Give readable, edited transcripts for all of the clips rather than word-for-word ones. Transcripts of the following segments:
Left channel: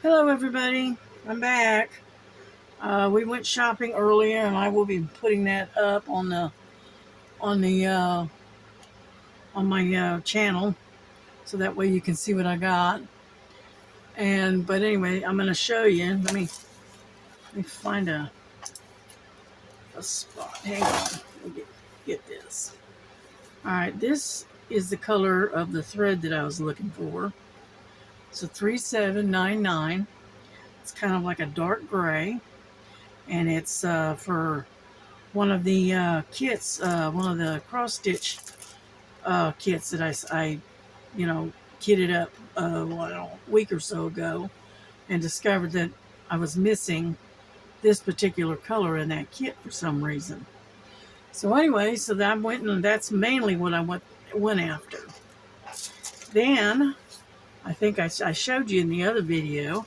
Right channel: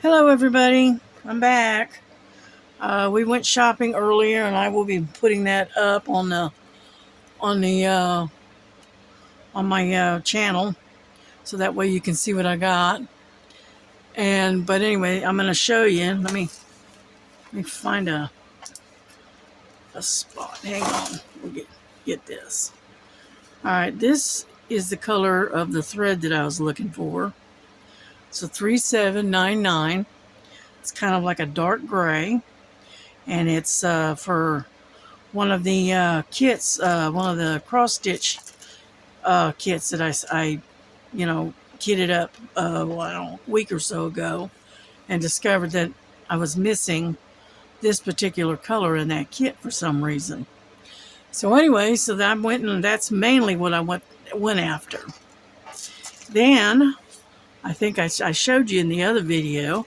Hello everybody, I'm back. We went shopping earlier and I will be putting that up on the on my channel so that way you can see what I got. But anyway, I'm going to show you. Let me find a spot. Hang on. We'll get this. All right, this is the color of the thread that I was looking for. It's a 3799. It's kind of like a dark gray, and it's for one of the kits, one of the cross stitch kits that I kitted up a week or so ago, and discovered that I was missing this particular color in that kit for some reason. So anyway, so that I went, and that's mainly what I went after. Then I think I showed you in the other video.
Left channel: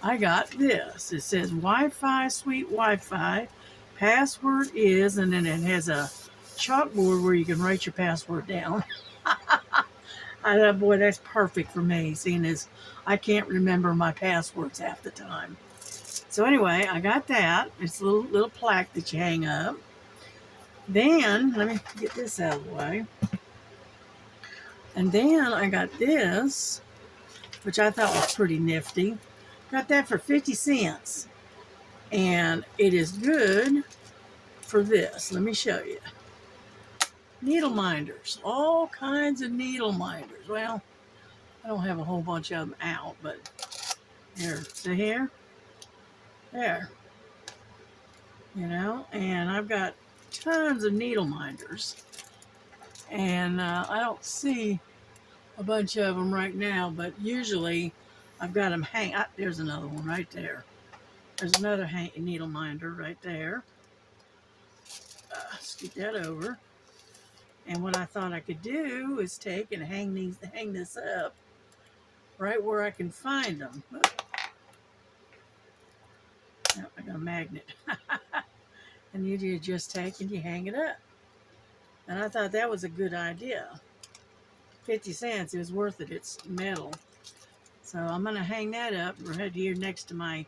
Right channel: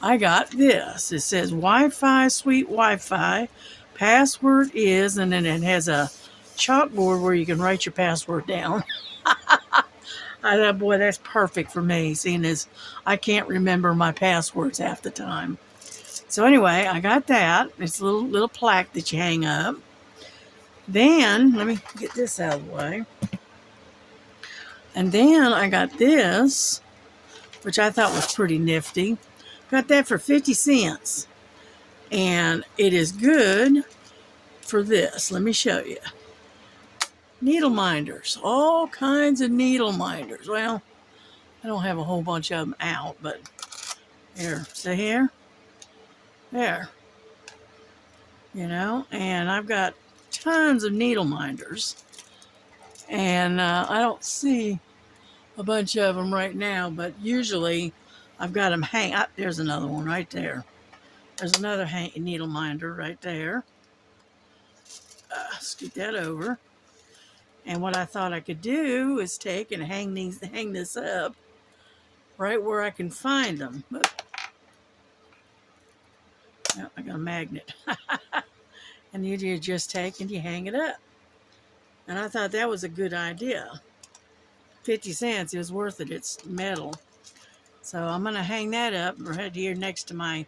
I got this. It says Wi-Fi, sweet Wi-Fi. Password is, and then it has a chalkboard where you can write your password down. I thought, boy, that's perfect for me, seeing as I can't remember my passwords half the time. So anyway, I got that. It's a little plaque that you hang up. Then, let me get this out of the way. And then I got this, which I thought was pretty nifty. Got that for 50 cents. And it is good for this. Let me show you. Needle minders. All kinds of needle minders. Well, I don't have a whole bunch of them out, but here. See here? There. And I've got tons of needle minders. And I don't see a bunch of them right now, but usually I've got them hang. There's another one right there. There's another needle minder right there. Scoot that over. And what I thought I could do is take and hang this up right where I can find them. Oh, I got a magnet. And you just take and you hang it up. And I thought that was a good idea. 50 cents is worth it. It's metal. So I'm going to hang that up right here next to my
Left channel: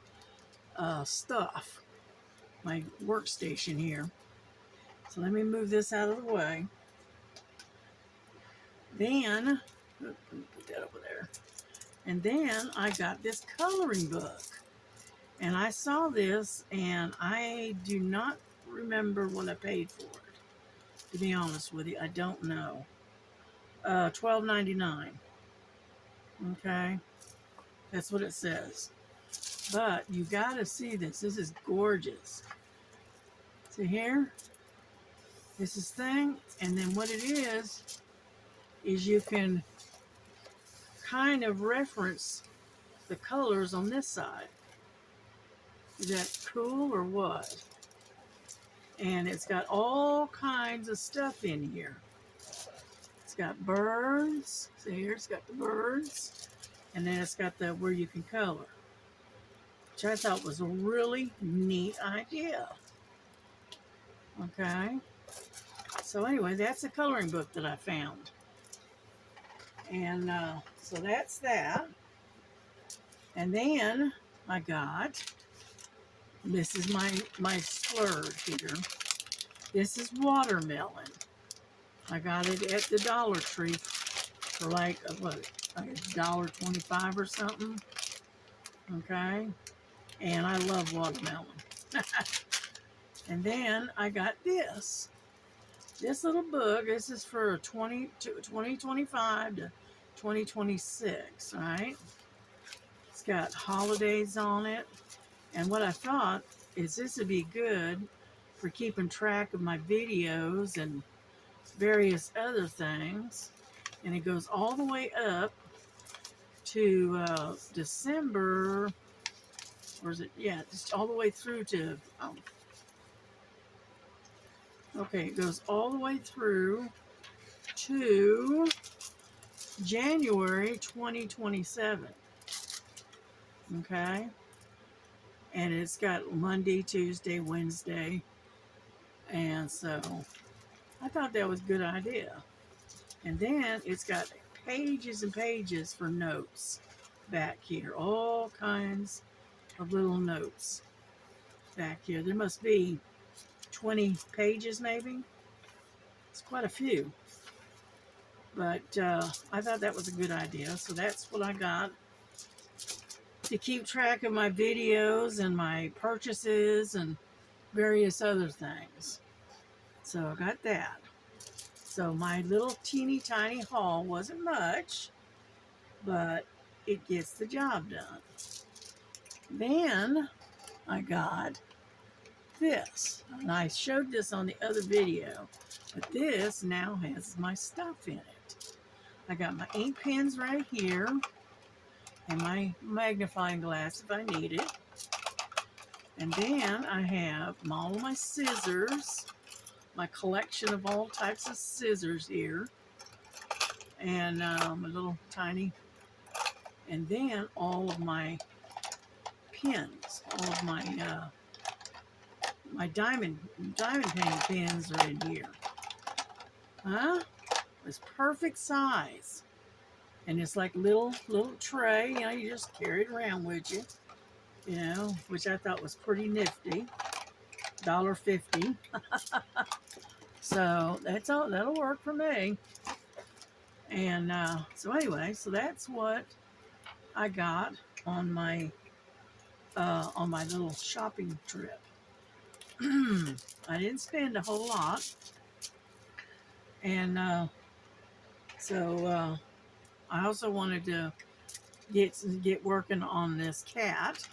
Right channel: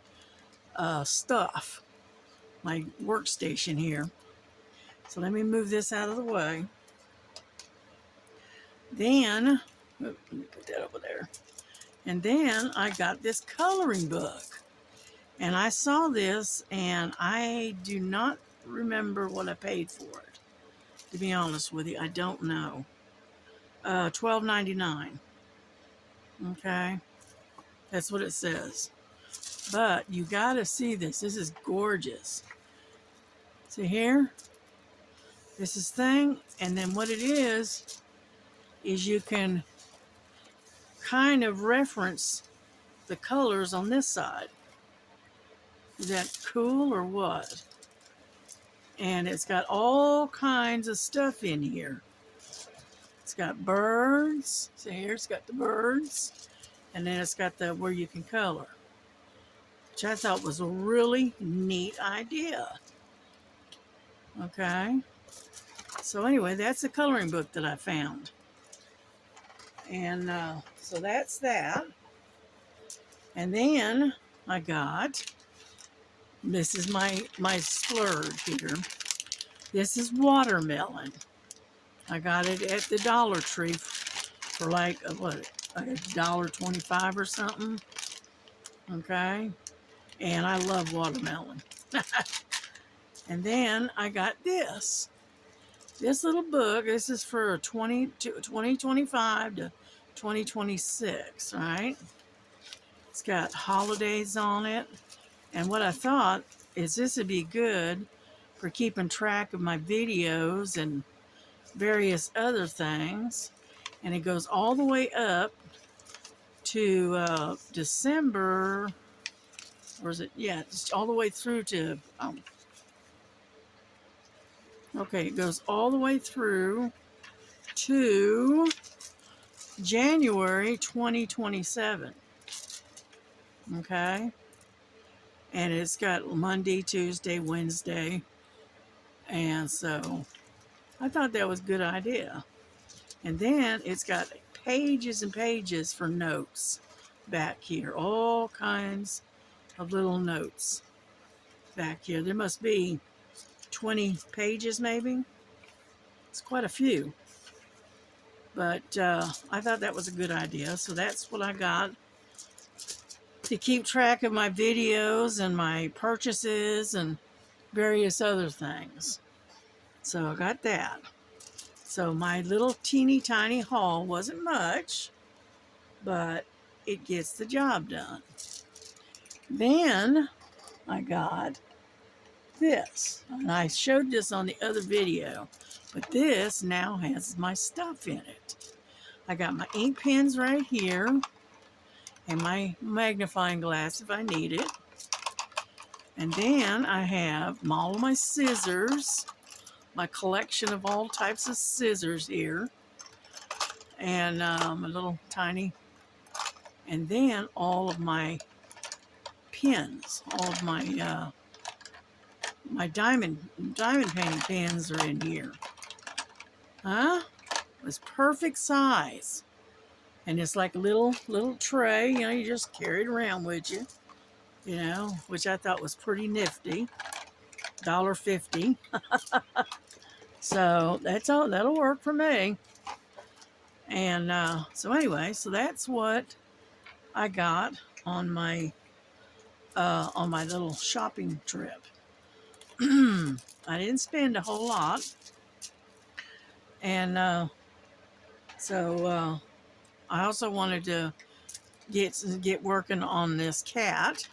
stuff, my workstation here. So let me move this out of the way. Then, let me put that over there. And then I got this coloring book. And I saw this, and I do not remember what I paid for it. To be honest with you, I don't know. $12.99. Okay, that's what it says. But you gotta see this. This is gorgeous. See here? This is thing, and then what it is you can kind of reference the colors on this side. Is that cool or what? And it's got all kinds of stuff in here. It's got birds. See here, it's got the birds. And then it's got the where you can color, which I thought was a really neat idea. Okay. So anyway, that's a coloring book that I found. And so that's that. And then I got, this is my splurge here. This is watermelon. I got it at the Dollar Tree for like $1.25 or something. Okay. And I love watermelon. And then I got this little book. This is for 2025 to 2026, right? It's got holidays on it. And what I thought is this would be good for keeping track of my videos and various other things. And it goes all the way up to December. Or is it? Yeah, just all the way through to, okay, it goes all the way through to January 2027. Okay. And it's got Monday, Tuesday, Wednesday. And so I thought that was a good idea. And then it's got pages and pages for notes. back here. All kinds of little notes back here. There must be 20 pages maybe. It's quite a few. But I thought that was a good idea. So that's what I got to keep track of my videos and my purchases and various other things. So I got that. So my little teeny tiny haul wasn't much, but it gets the job done. Then I got this, and I showed this on the other video, but this now has my stuff in it. I got my ink pens right here and my magnifying glass if I need it. And then I have all of my scissors, my collection of all types of scissors here, and a little tiny, and then all of my pins, all of my my diamond painting pins are in here. Huh? It's perfect size, and it's like a little tray. You know, you just carry it around with you. You know, which I thought was pretty nifty. $1.50. So that's all. That'll work for me. And so anyway, so that's what I got on my little shopping trip. I didn't spend a whole lot, and so I also wanted to get working on this cat.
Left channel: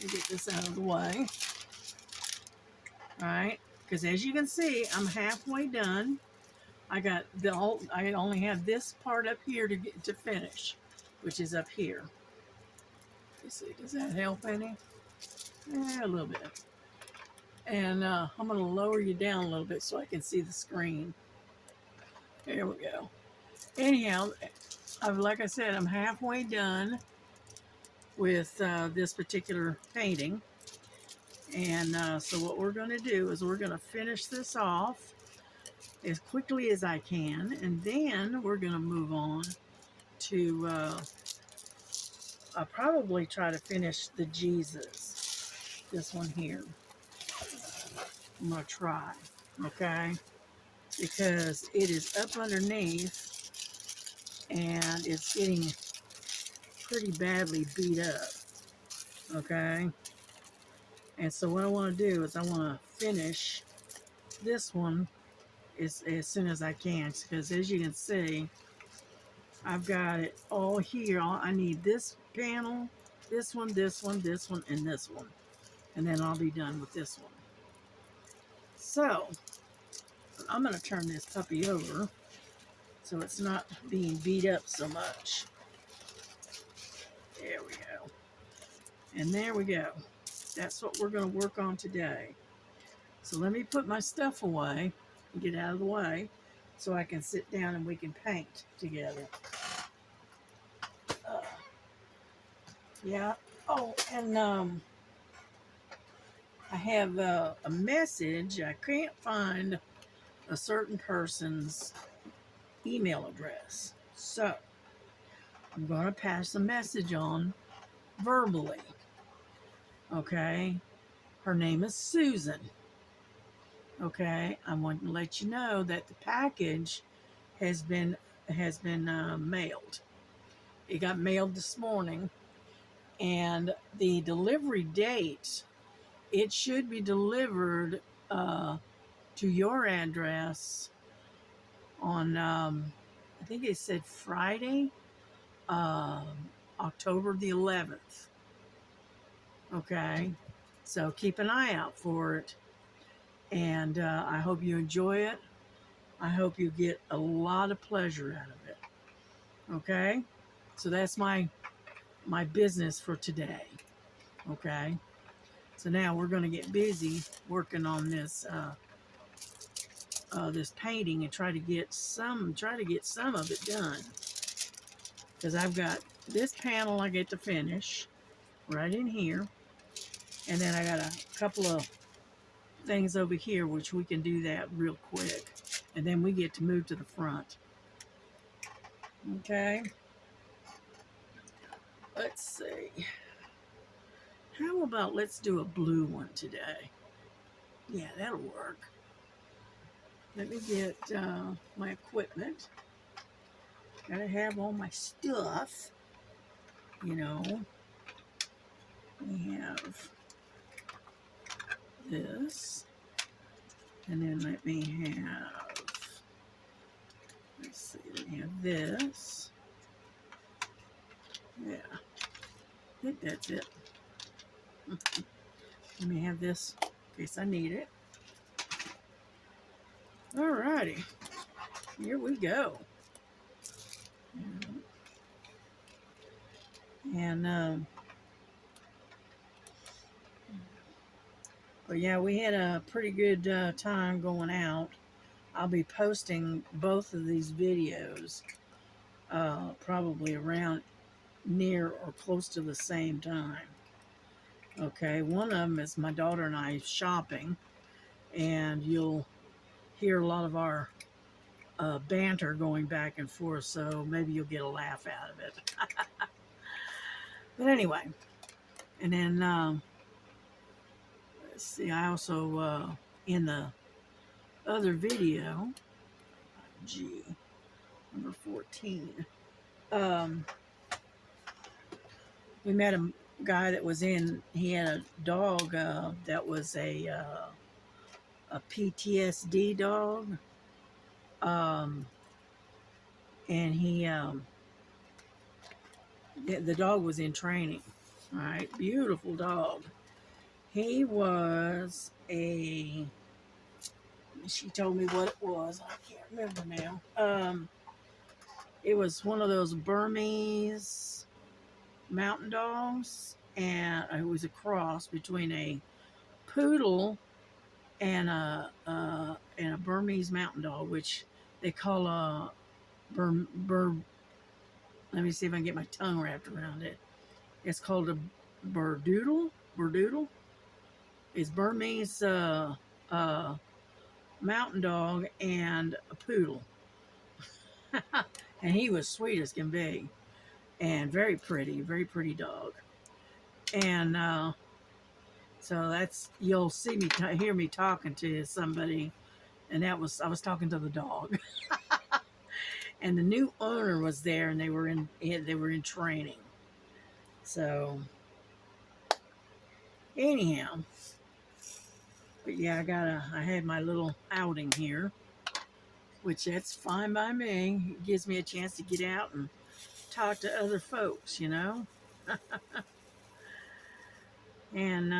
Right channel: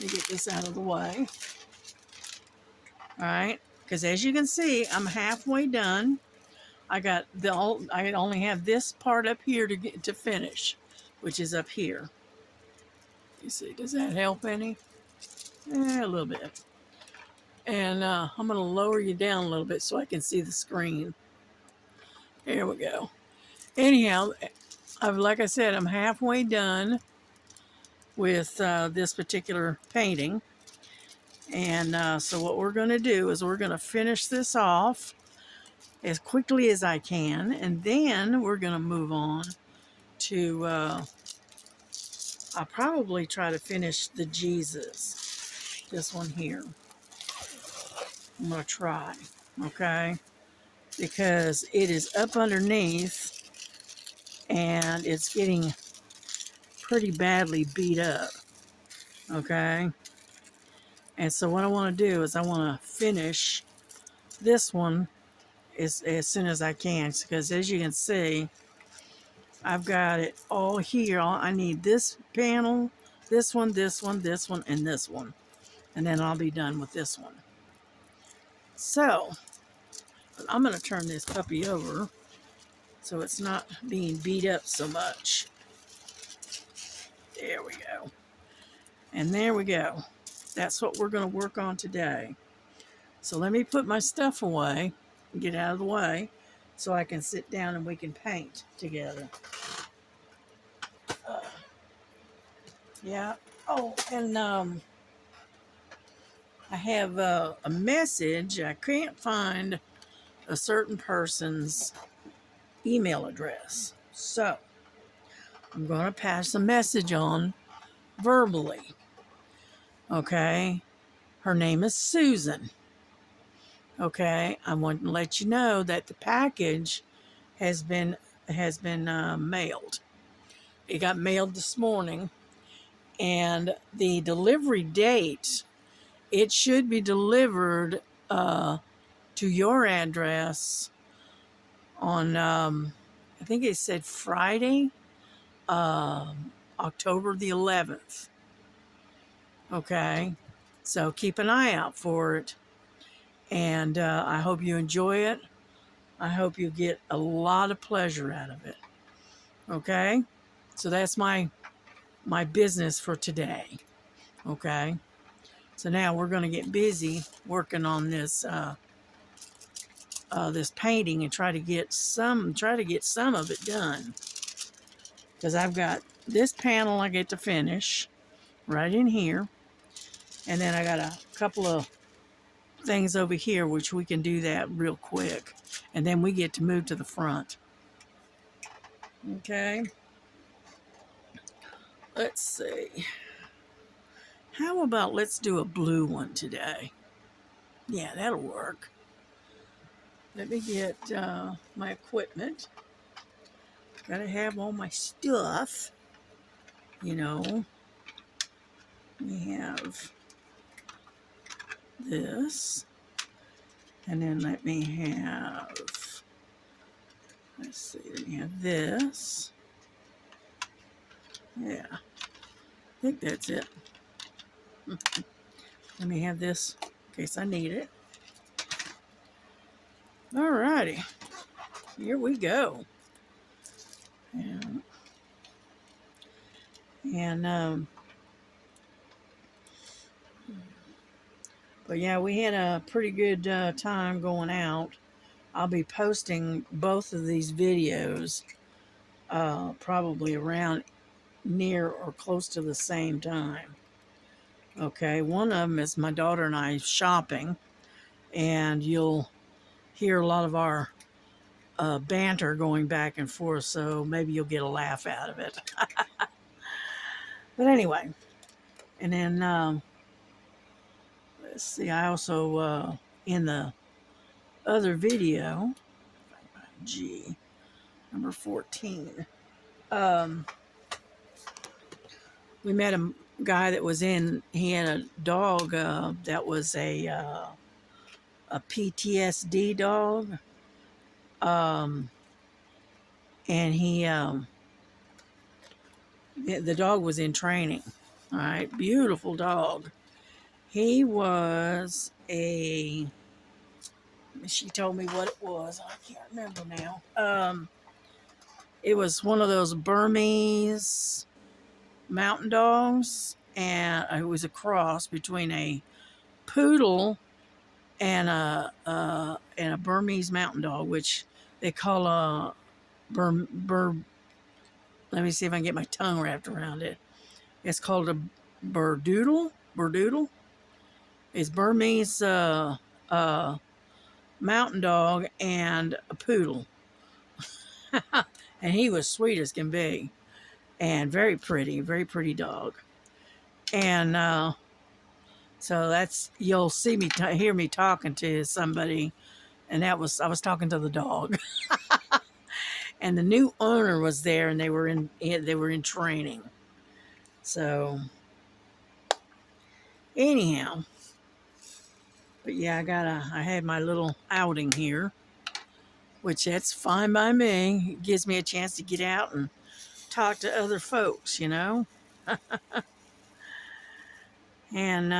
Let me get this out of the way. All right, because as you can see, I'm halfway done. I only have this part up here to finish, which is up here. You see, does that help any? A little bit. And I'm going to lower you down a little bit so I can see the screen. There we go. Anyhow, like I said, I'm halfway done with this particular painting. And so what we're going to do is we're going to finish this off as quickly as I can. And then we're going to move on to, I'll probably try to finish the Jesus. This one here. I'm going to try, okay? Because it is up underneath and it's getting pretty badly beat up, okay? And so what I want to do is I want to finish this one as soon as I can, because as you can see, I've got it all here. I need this panel, this one, this one, this one, and this one. And then I'll be done with this one. So, I'm going to turn this puppy over so it's not being beat up so much. There we go. And there we go. That's what we're going to work on today. So let me put my stuff away and get out of the way so I can sit down and we can paint together. Yeah. Oh, and I have a message. I can't find a certain person's email address. So I'm going to pass a message on verbally. Okay. Her name is Susan. Okay. I want to let you know that the package has been mailed. It got mailed this morning, and the delivery date, it should be delivered to your address on I think it said Friday, October the 11th. Okay, so keep an eye out for it, and I hope you enjoy it. I hope you get a lot of pleasure out of it. Okay, so that's my business for today. Okay, so now we're going to get busy working on this this painting and try to get some of it done, because I've got this panel I get to finish right in here, and then I got a couple of things over here which we can do that real quick, and then we get to move to the front. Okay, Let's see. How about let's do a blue one today? Yeah, that'll work. Let me get my equipment. Gotta have all my stuff. You know, we have this. And then let me have, let's see, let me have this. Yeah, I think that's it. Let me have this in case I need it. Alrighty, here we go. But yeah, we had a pretty good time going out. I'll be posting both of these videos probably around near or close to the same time. Okay, one of them is my daughter and I shopping, and you'll hear a lot of our banter going back and forth, so maybe you'll get a laugh out of it. But anyway, and then let's see, I also in the other video, G number 14, we met a guy that was in, he had a dog that was a PTSD dog, and he the dog was in training. All right, beautiful dog. He was a, she told me what it was, I can't remember now. It was one of those Burmese mountain dogs, and it was a cross between a poodle and a Burmese mountain dog, which they call a let me see if I can get my tongue wrapped around it. It's called a Berdoodle. Berdoodle. It's Burmese mountain dog and a poodle. And he was sweet as can be. And very pretty dog. And so that's, you'll see me, hear me talking to somebody. And that was, I was talking to the dog. And the new owner was there, and they were in training. So anyhow, but yeah, I had my little outing here, which that's fine by me. It gives me a chance to get out and talk to other folks, you know. And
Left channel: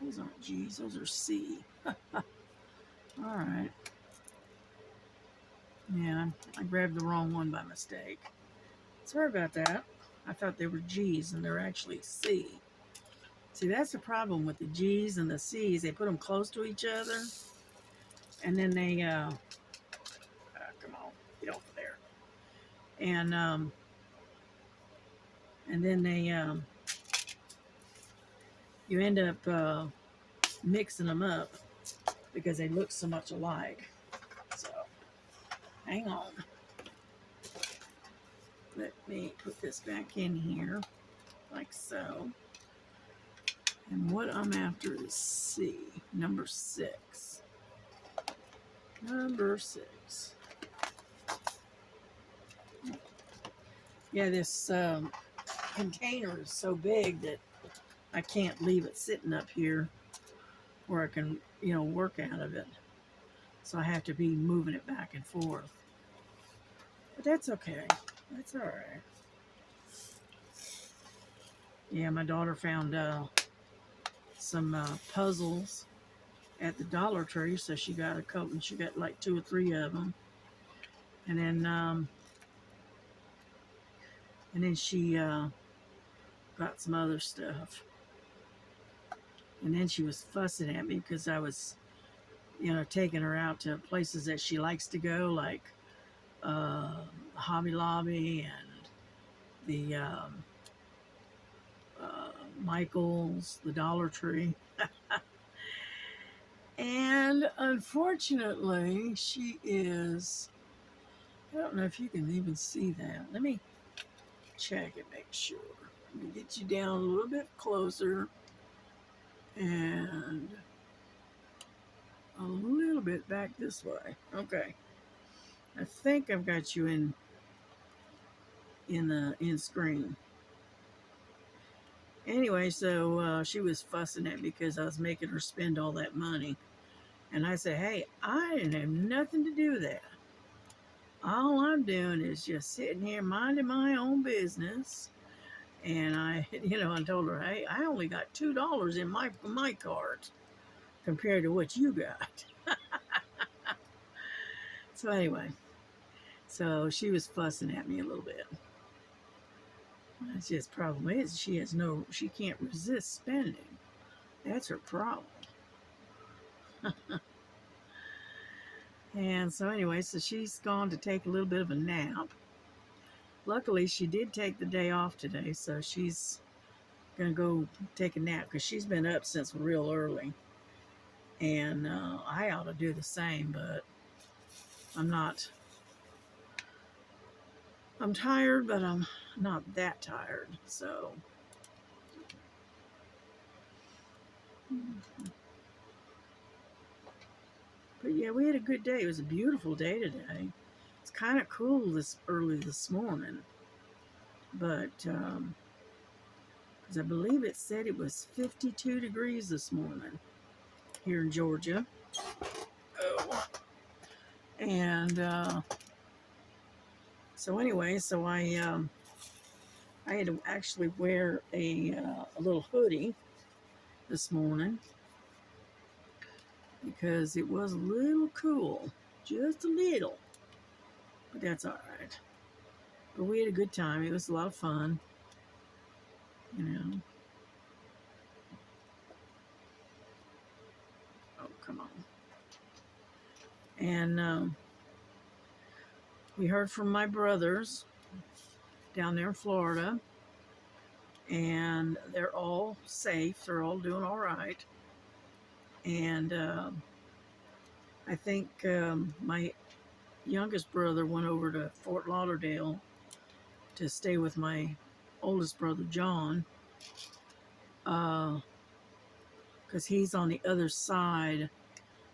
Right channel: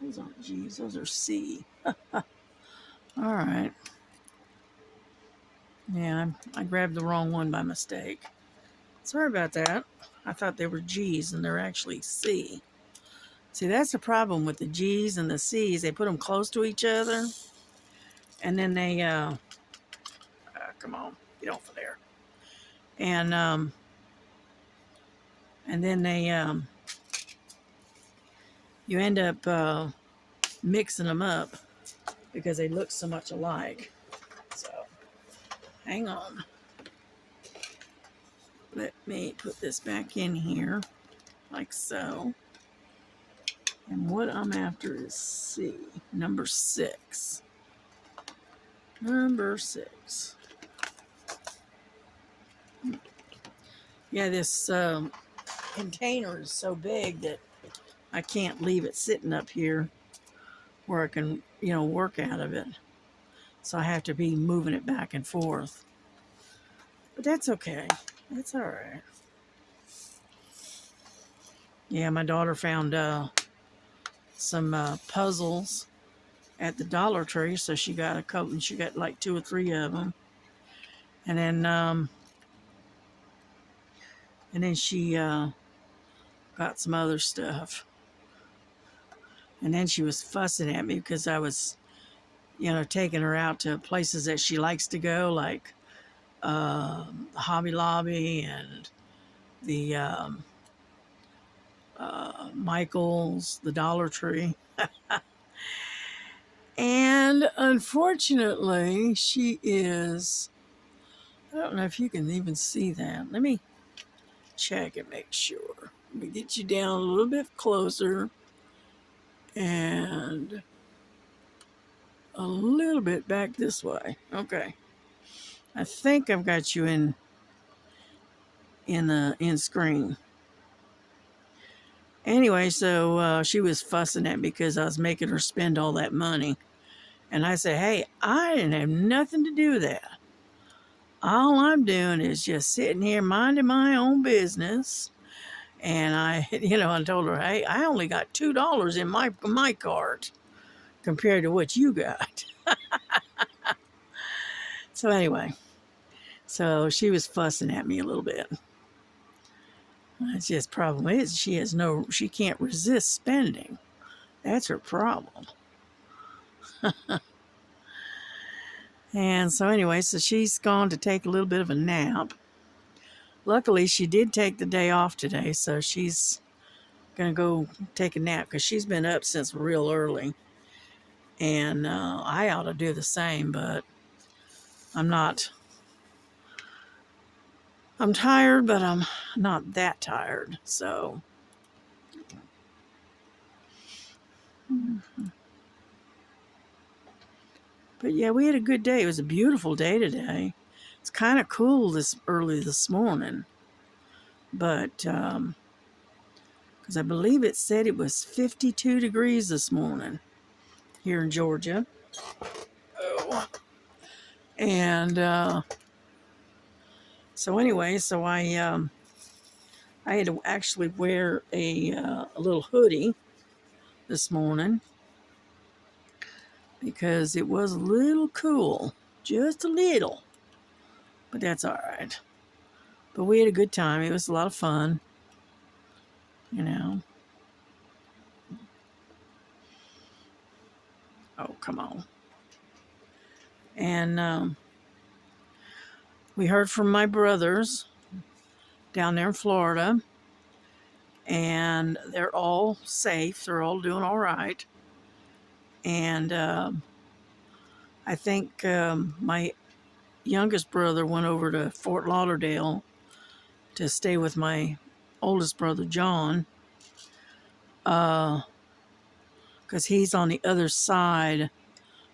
those aren't G's, those are C. All right. Yeah, I grabbed the wrong one by mistake. Sorry about that. I thought they were G's and they're actually C. See, that's the problem with the G's and the C's. They put them close to each other, and then they, come on, get off of there. And then they, you end up mixing them up because they look so much alike. So, hang on. Let me put this back in here, like so. And what I'm after is C, number 6. Number 6. Yeah, this container is so big that I can't leave it sitting up here where I can, work out of it. So I have to be moving it back and forth. But that's okay. That's all right. Yeah, my daughter found some puzzles at the Dollar Tree, so she got a couple, and she got like 2 or 3 of them. And then she got some other stuff. And then she was fussing at me because I was, taking her out to places that she likes to go, like Hobby Lobby and the Michael's, the Dollar Tree. And unfortunately, she is, I don't know if you can even see that. Let me check and make sure. Let me get you down a little bit closer and a little bit back this way. Okay. I think I've got you in screen. Anyway, so she was fussing at me because I was making her spend all that money. And I said, hey, I didn't have nothing to do with that. All I'm doing is just sitting here minding my own business. And I, I told her, hey, I only got $2 in my cart compared to what you got. So anyway, so she was fussing at me a little bit. That's just problem is she can't resist spending. That's her problem. And so anyway, so she's gone to take a little bit of a nap. Luckily, she did take the day off today, so she's gonna go take a nap because she's been up since real early. And I ought to do the same, but I'm not. I'm tired, but I'm not that tired, so. But yeah, we had a good day. It was a beautiful day today. It's kind of cool this early this morning, but because I believe it said it was 52 degrees this morning here in Georgia. Oh. And so anyway, so I had to actually wear a little hoodie this morning because it was a little cool, just a little, but that's all right. But we had a good time. It was a lot of fun, you know. Oh, come on. And we heard from my brothers down there in Florida, and they're all safe. They're all doing all right. And I think my youngest brother went over to Fort Lauderdale to stay with my oldest brother, John, because he's on the other side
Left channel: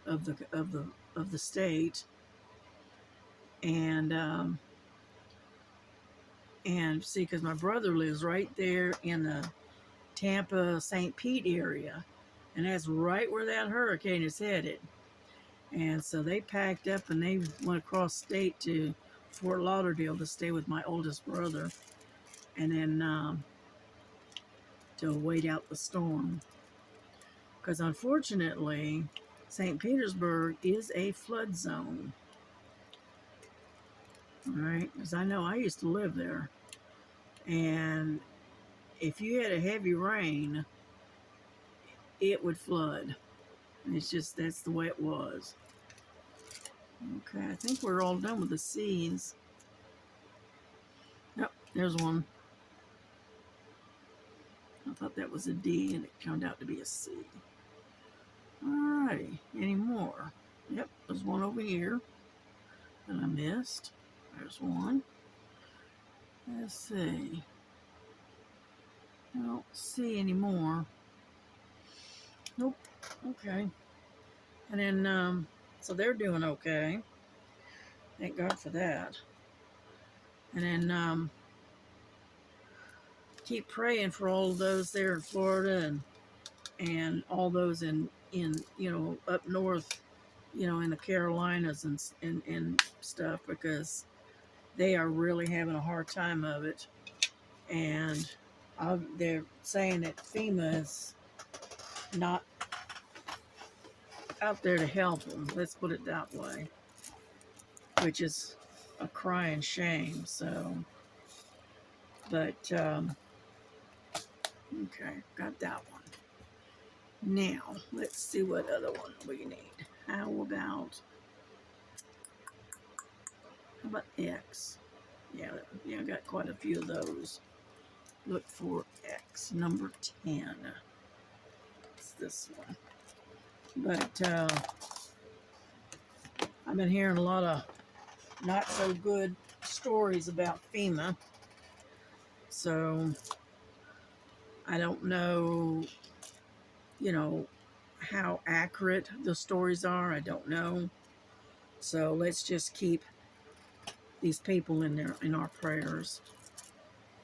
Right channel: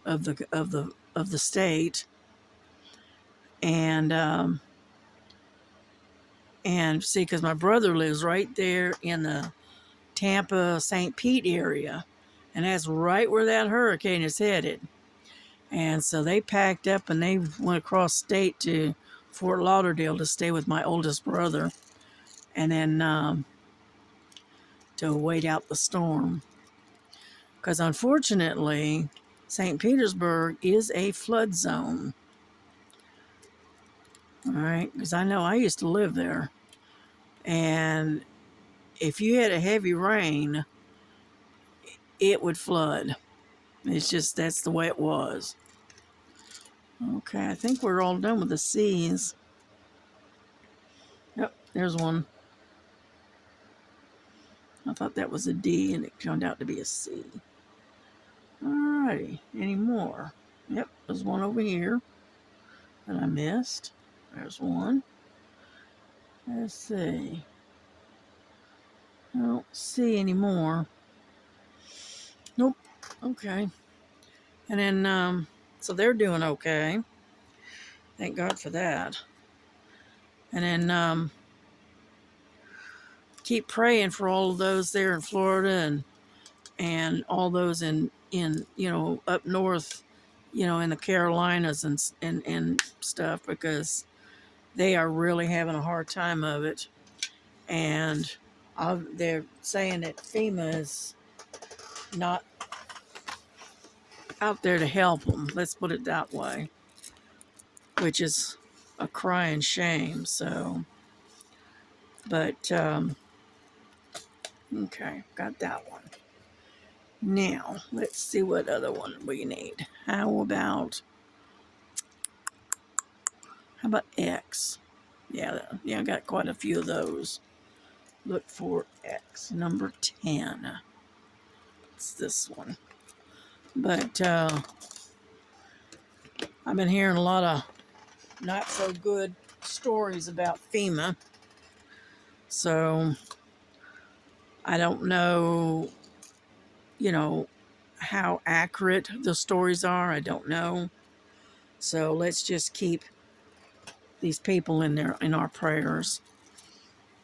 of the state. And see, because my brother lives right there in the Tampa, St. Pete area, and that's right where that hurricane is headed. And so they packed up and they went across state to Fort Lauderdale to stay with my oldest brother, and then to wait out the storm. Because unfortunately, St. Petersburg is a flood zone. All right, because I know I used to live there. And if you had a heavy rain, it would flood. It's just, that's the way it was. Okay, I think we're all done with the C's. Yep, there's one. I thought that was a D and it turned out to be a C. Alrighty, any more? Yep, there's one over here that I missed. There's one. Let's see. I don't see any more. Nope. Okay. And then, so they're doing okay. Thank God for that. And then, keep praying for all of those there in Florida and all those in up north, in the Carolinas and stuff, because they are really having a hard time of it. And they're saying that FEMA is not out there to help them. Let's put it that way, which is a crying shame. So, but okay, got that one. Now let's see what other one we need. How about X? Yeah, I got quite a few of those. Look for X, number 10. It's this one. But I've been hearing a lot of not so good stories about FEMA. So I don't know, you know, how accurate the stories are. I don't know. So let's just keep these people in our prayers,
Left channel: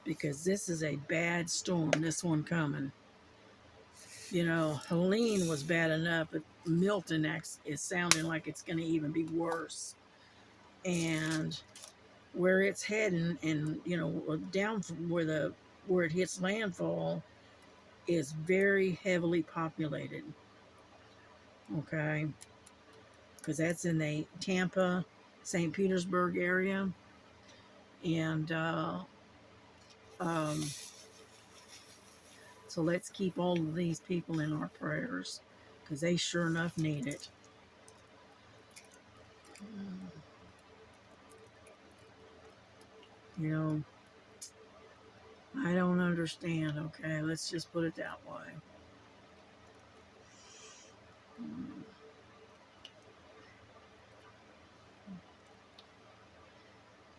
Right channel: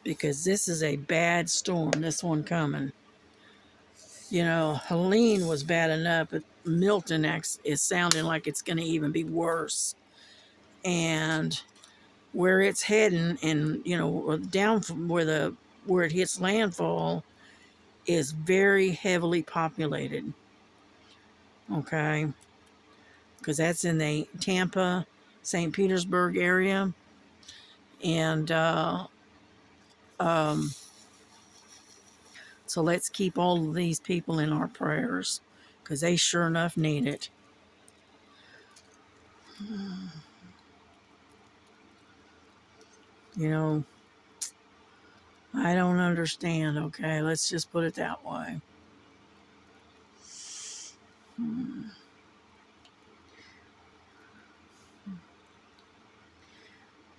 because this is a bad storm, this one coming. You know, Helene was bad enough, but Milton is sounding like it's going to even be worse. And where it's heading, and you know, down from where it hits landfall, is very heavily populated. Okay, because that's in the Tampa, St. Petersburg area, and um, so let's keep all of these people in our prayers, because they sure enough need it. You know, I don't understand, okay? Let's just put it that way.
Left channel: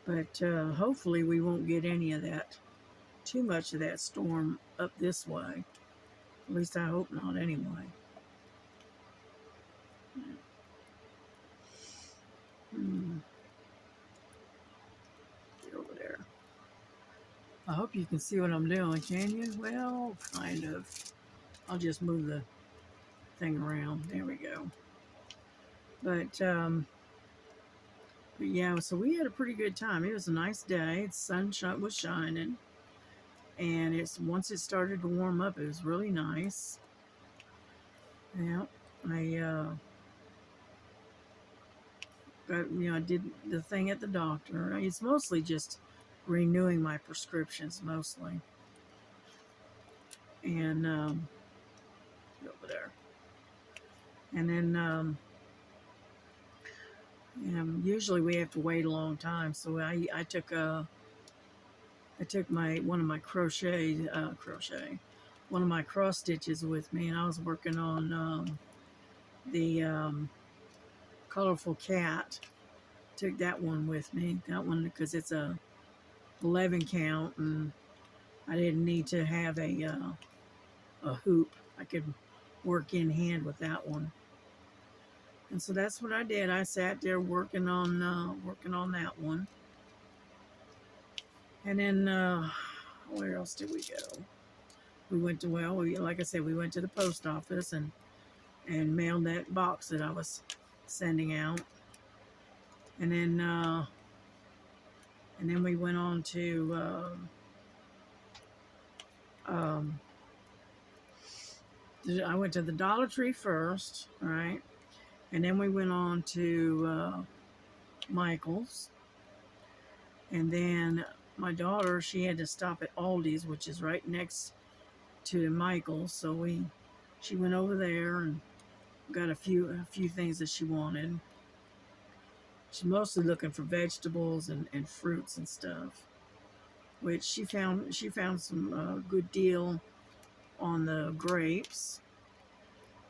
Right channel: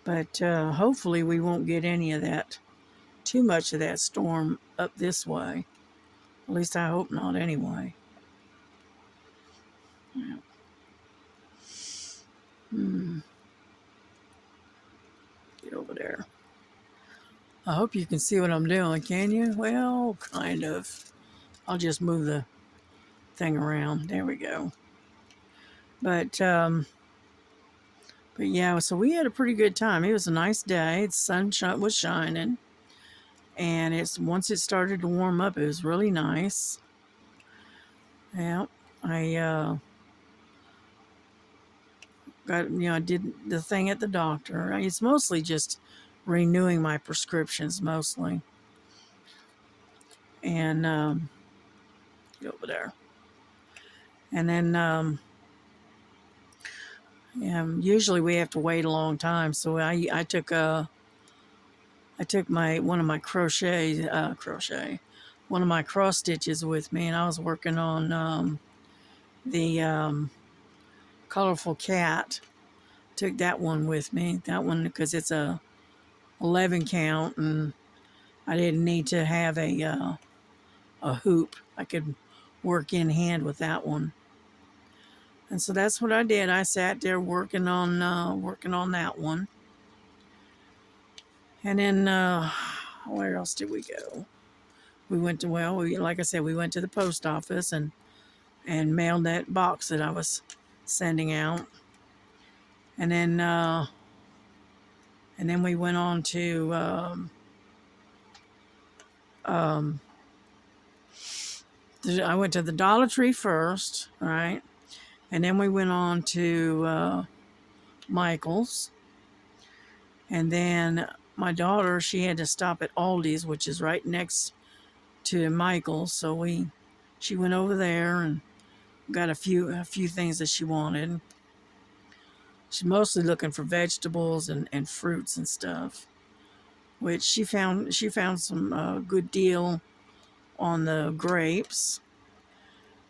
But hopefully we won't get any of that, too much of that storm up this way. At least I hope not anyway. Yeah. Get over there. I hope you can see what I'm doing, can you? Well, kind of. I'll just move the thing around. There we go. But yeah, so we had a pretty good time. It was a nice day. The sun was shining, and once it started to warm up, it was really nice. Yeah, I I did the thing at the doctor. It's mostly just renewing my prescriptions, mostly. And get over there. And then usually we have to wait a long time, so I took one of my one of my cross stitches with me, and I was working on the colorful cat. Took that one with me. That one because it's a 11 count, and I didn't need to have a hoop. I could work in hand with that one. And so that's what I did. I sat there working on that one. And then where else did we go? We went to like I said, we went to the post office and mailed that box that I was sending out. And then we went on to I went to the Dollar Tree first, right? And then we went on to Michael's. And then my daughter, she had to stop at Aldi's, which is right next to Michael's. So she went over there and got a few things that she wanted. She's mostly looking for vegetables and fruits and stuff, which she found some good deal on the grapes.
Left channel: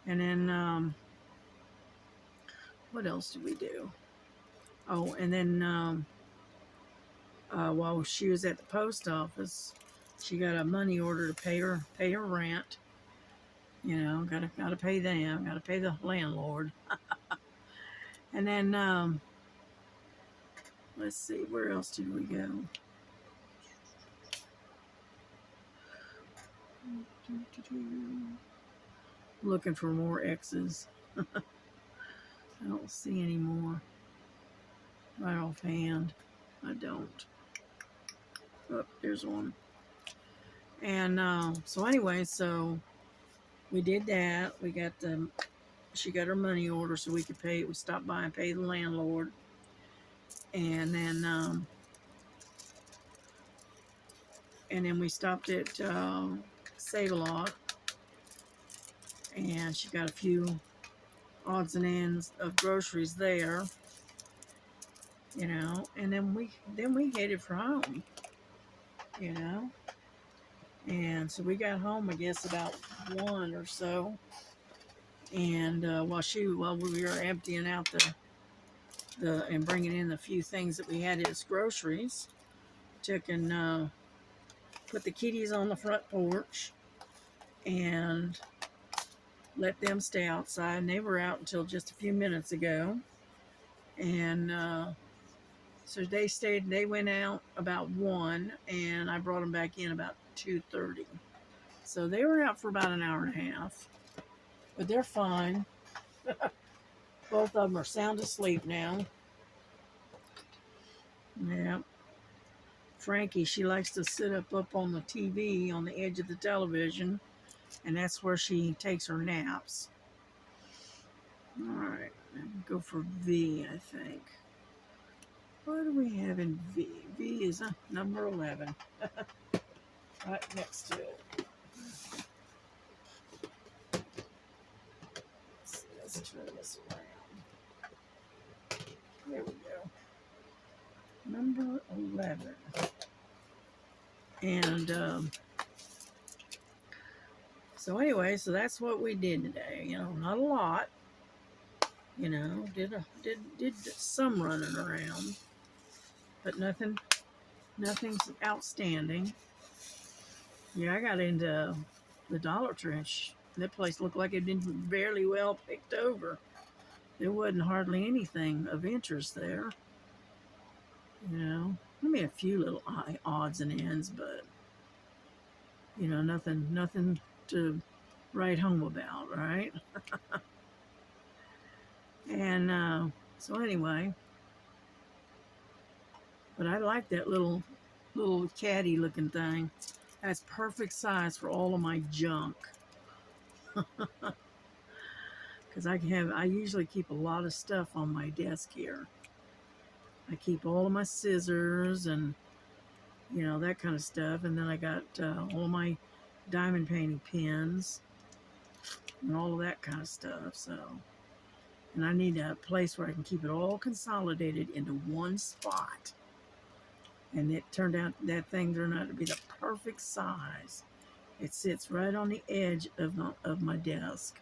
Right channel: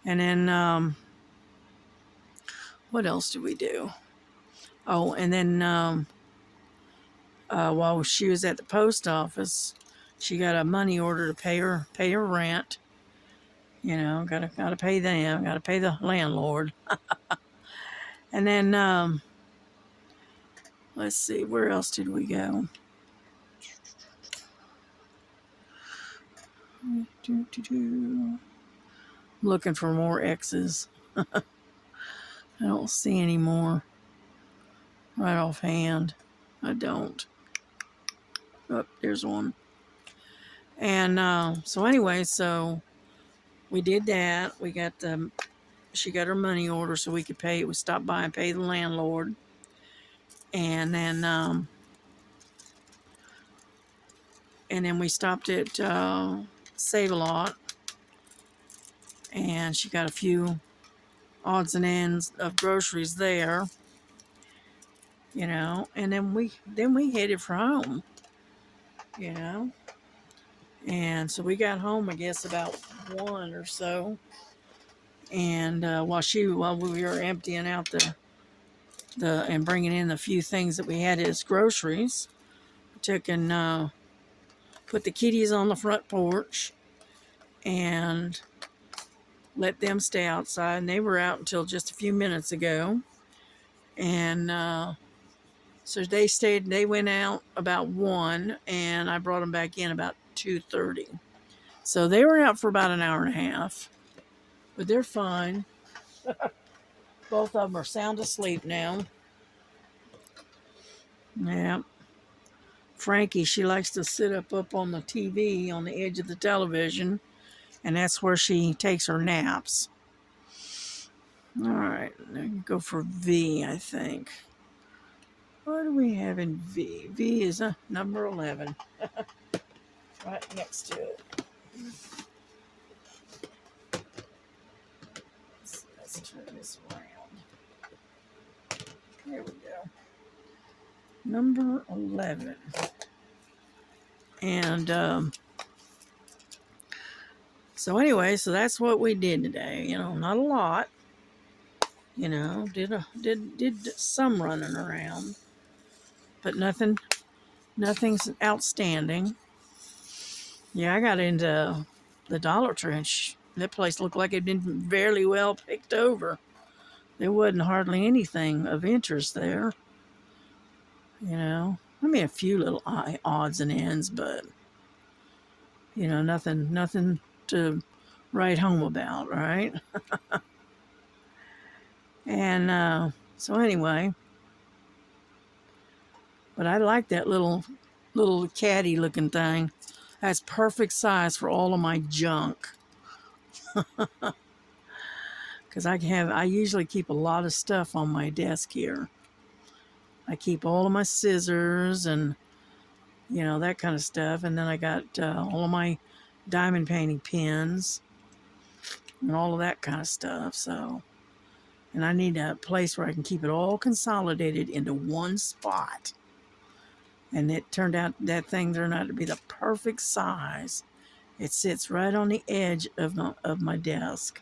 And then what else did we do? Oh, and then while she was at the post office, she got a money order to pay her rent. You know, gotta pay them, gotta pay the landlord. And then let's see, where else did we go? Looking for more X's. I don't see any more right offhand. I don't. Oh, there's one. And so anyway, so we did that. She got her money order so we could pay. We stopped by and pay the landlord. And then we stopped at Save-A-Lot, and she got a few odds and ends of groceries there, you know. And then we headed for home, you know. And so we got home, I guess, about 1 or so. And while we were emptying out and bringing in the few things that we had as groceries, took and put the kitties on the front porch and let them stay outside. And they were out until just a few minutes ago. And so they went out about 1, and I brought them back in about 2:30. So they were out for about an hour and a half, but they're fine. Both of them are sound asleep now. Yeah. Frankie, she likes to sit up on the TV, on the edge of the television, and that's where she takes her naps. All right, now you go for V, I think. What do we have in V? V is number 11. Right next to it. Let's turn this around. There we go. Number 11. And so anyway, so that's what we did today. You know, not a lot. You know, did some running around, but nothing's outstanding. Yeah, I got into the Dollar Tree, and that place looked like it'd been fairly well picked over. There wasn't hardly anything of interest there. You know, I mean, a few little odds and ends, but you know, nothing to write home about, right? And so anyway, but I like that little caddy looking thing. That's perfect size for all of my junk. Because I usually keep a lot of stuff on my desk here. I keep all of my scissors and, you know, that kind of stuff. And then I got all of my diamond painting pins and all of that kind of stuff. So, and I need a place where I can keep it all consolidated into one spot. And it turned out that thing turned out to be the perfect size. It sits right on the edge of my desk.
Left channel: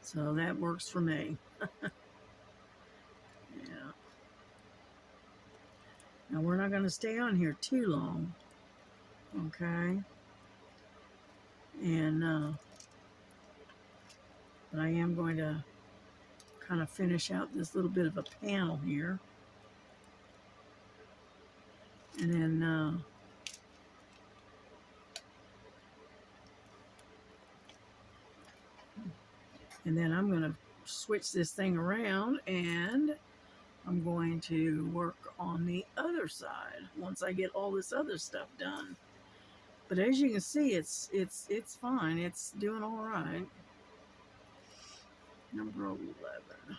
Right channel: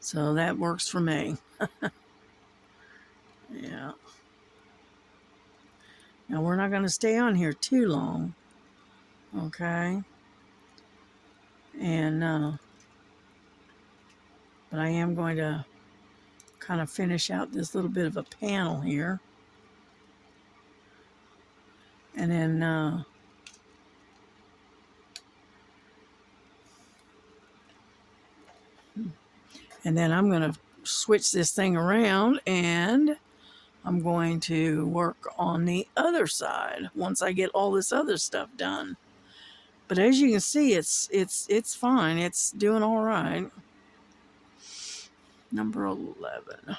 So that works for me. Yeah. Now we're not going to stay on here too long. Okay. And but I am going to kind of finish out this little bit of a panel here. And then I'm going to switch this thing around, and I'm going to work on the other side once I get all this other stuff done. But as you can see, it's fine. It's doing all right. Number 11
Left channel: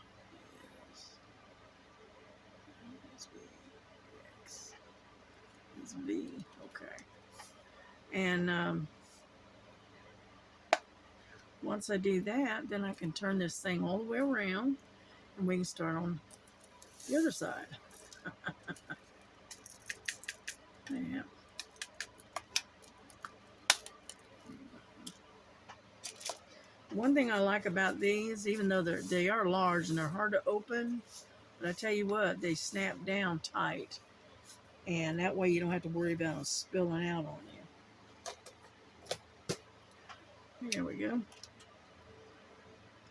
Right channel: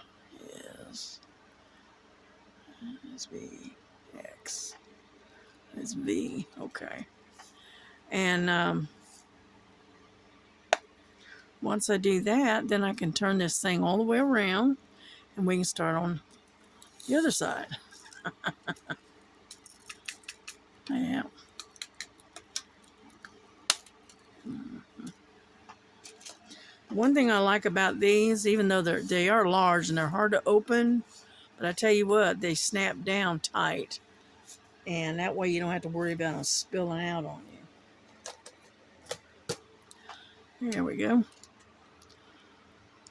is V, X. It's V. Okay. And once I do that, then I can turn this thing all the way around, and we can start on the other side. Yeah. One thing I like about these, even though they are large and they're hard to open, but I tell you what, they snap down tight, and that way you don't have to worry about them spilling out on you. There we go.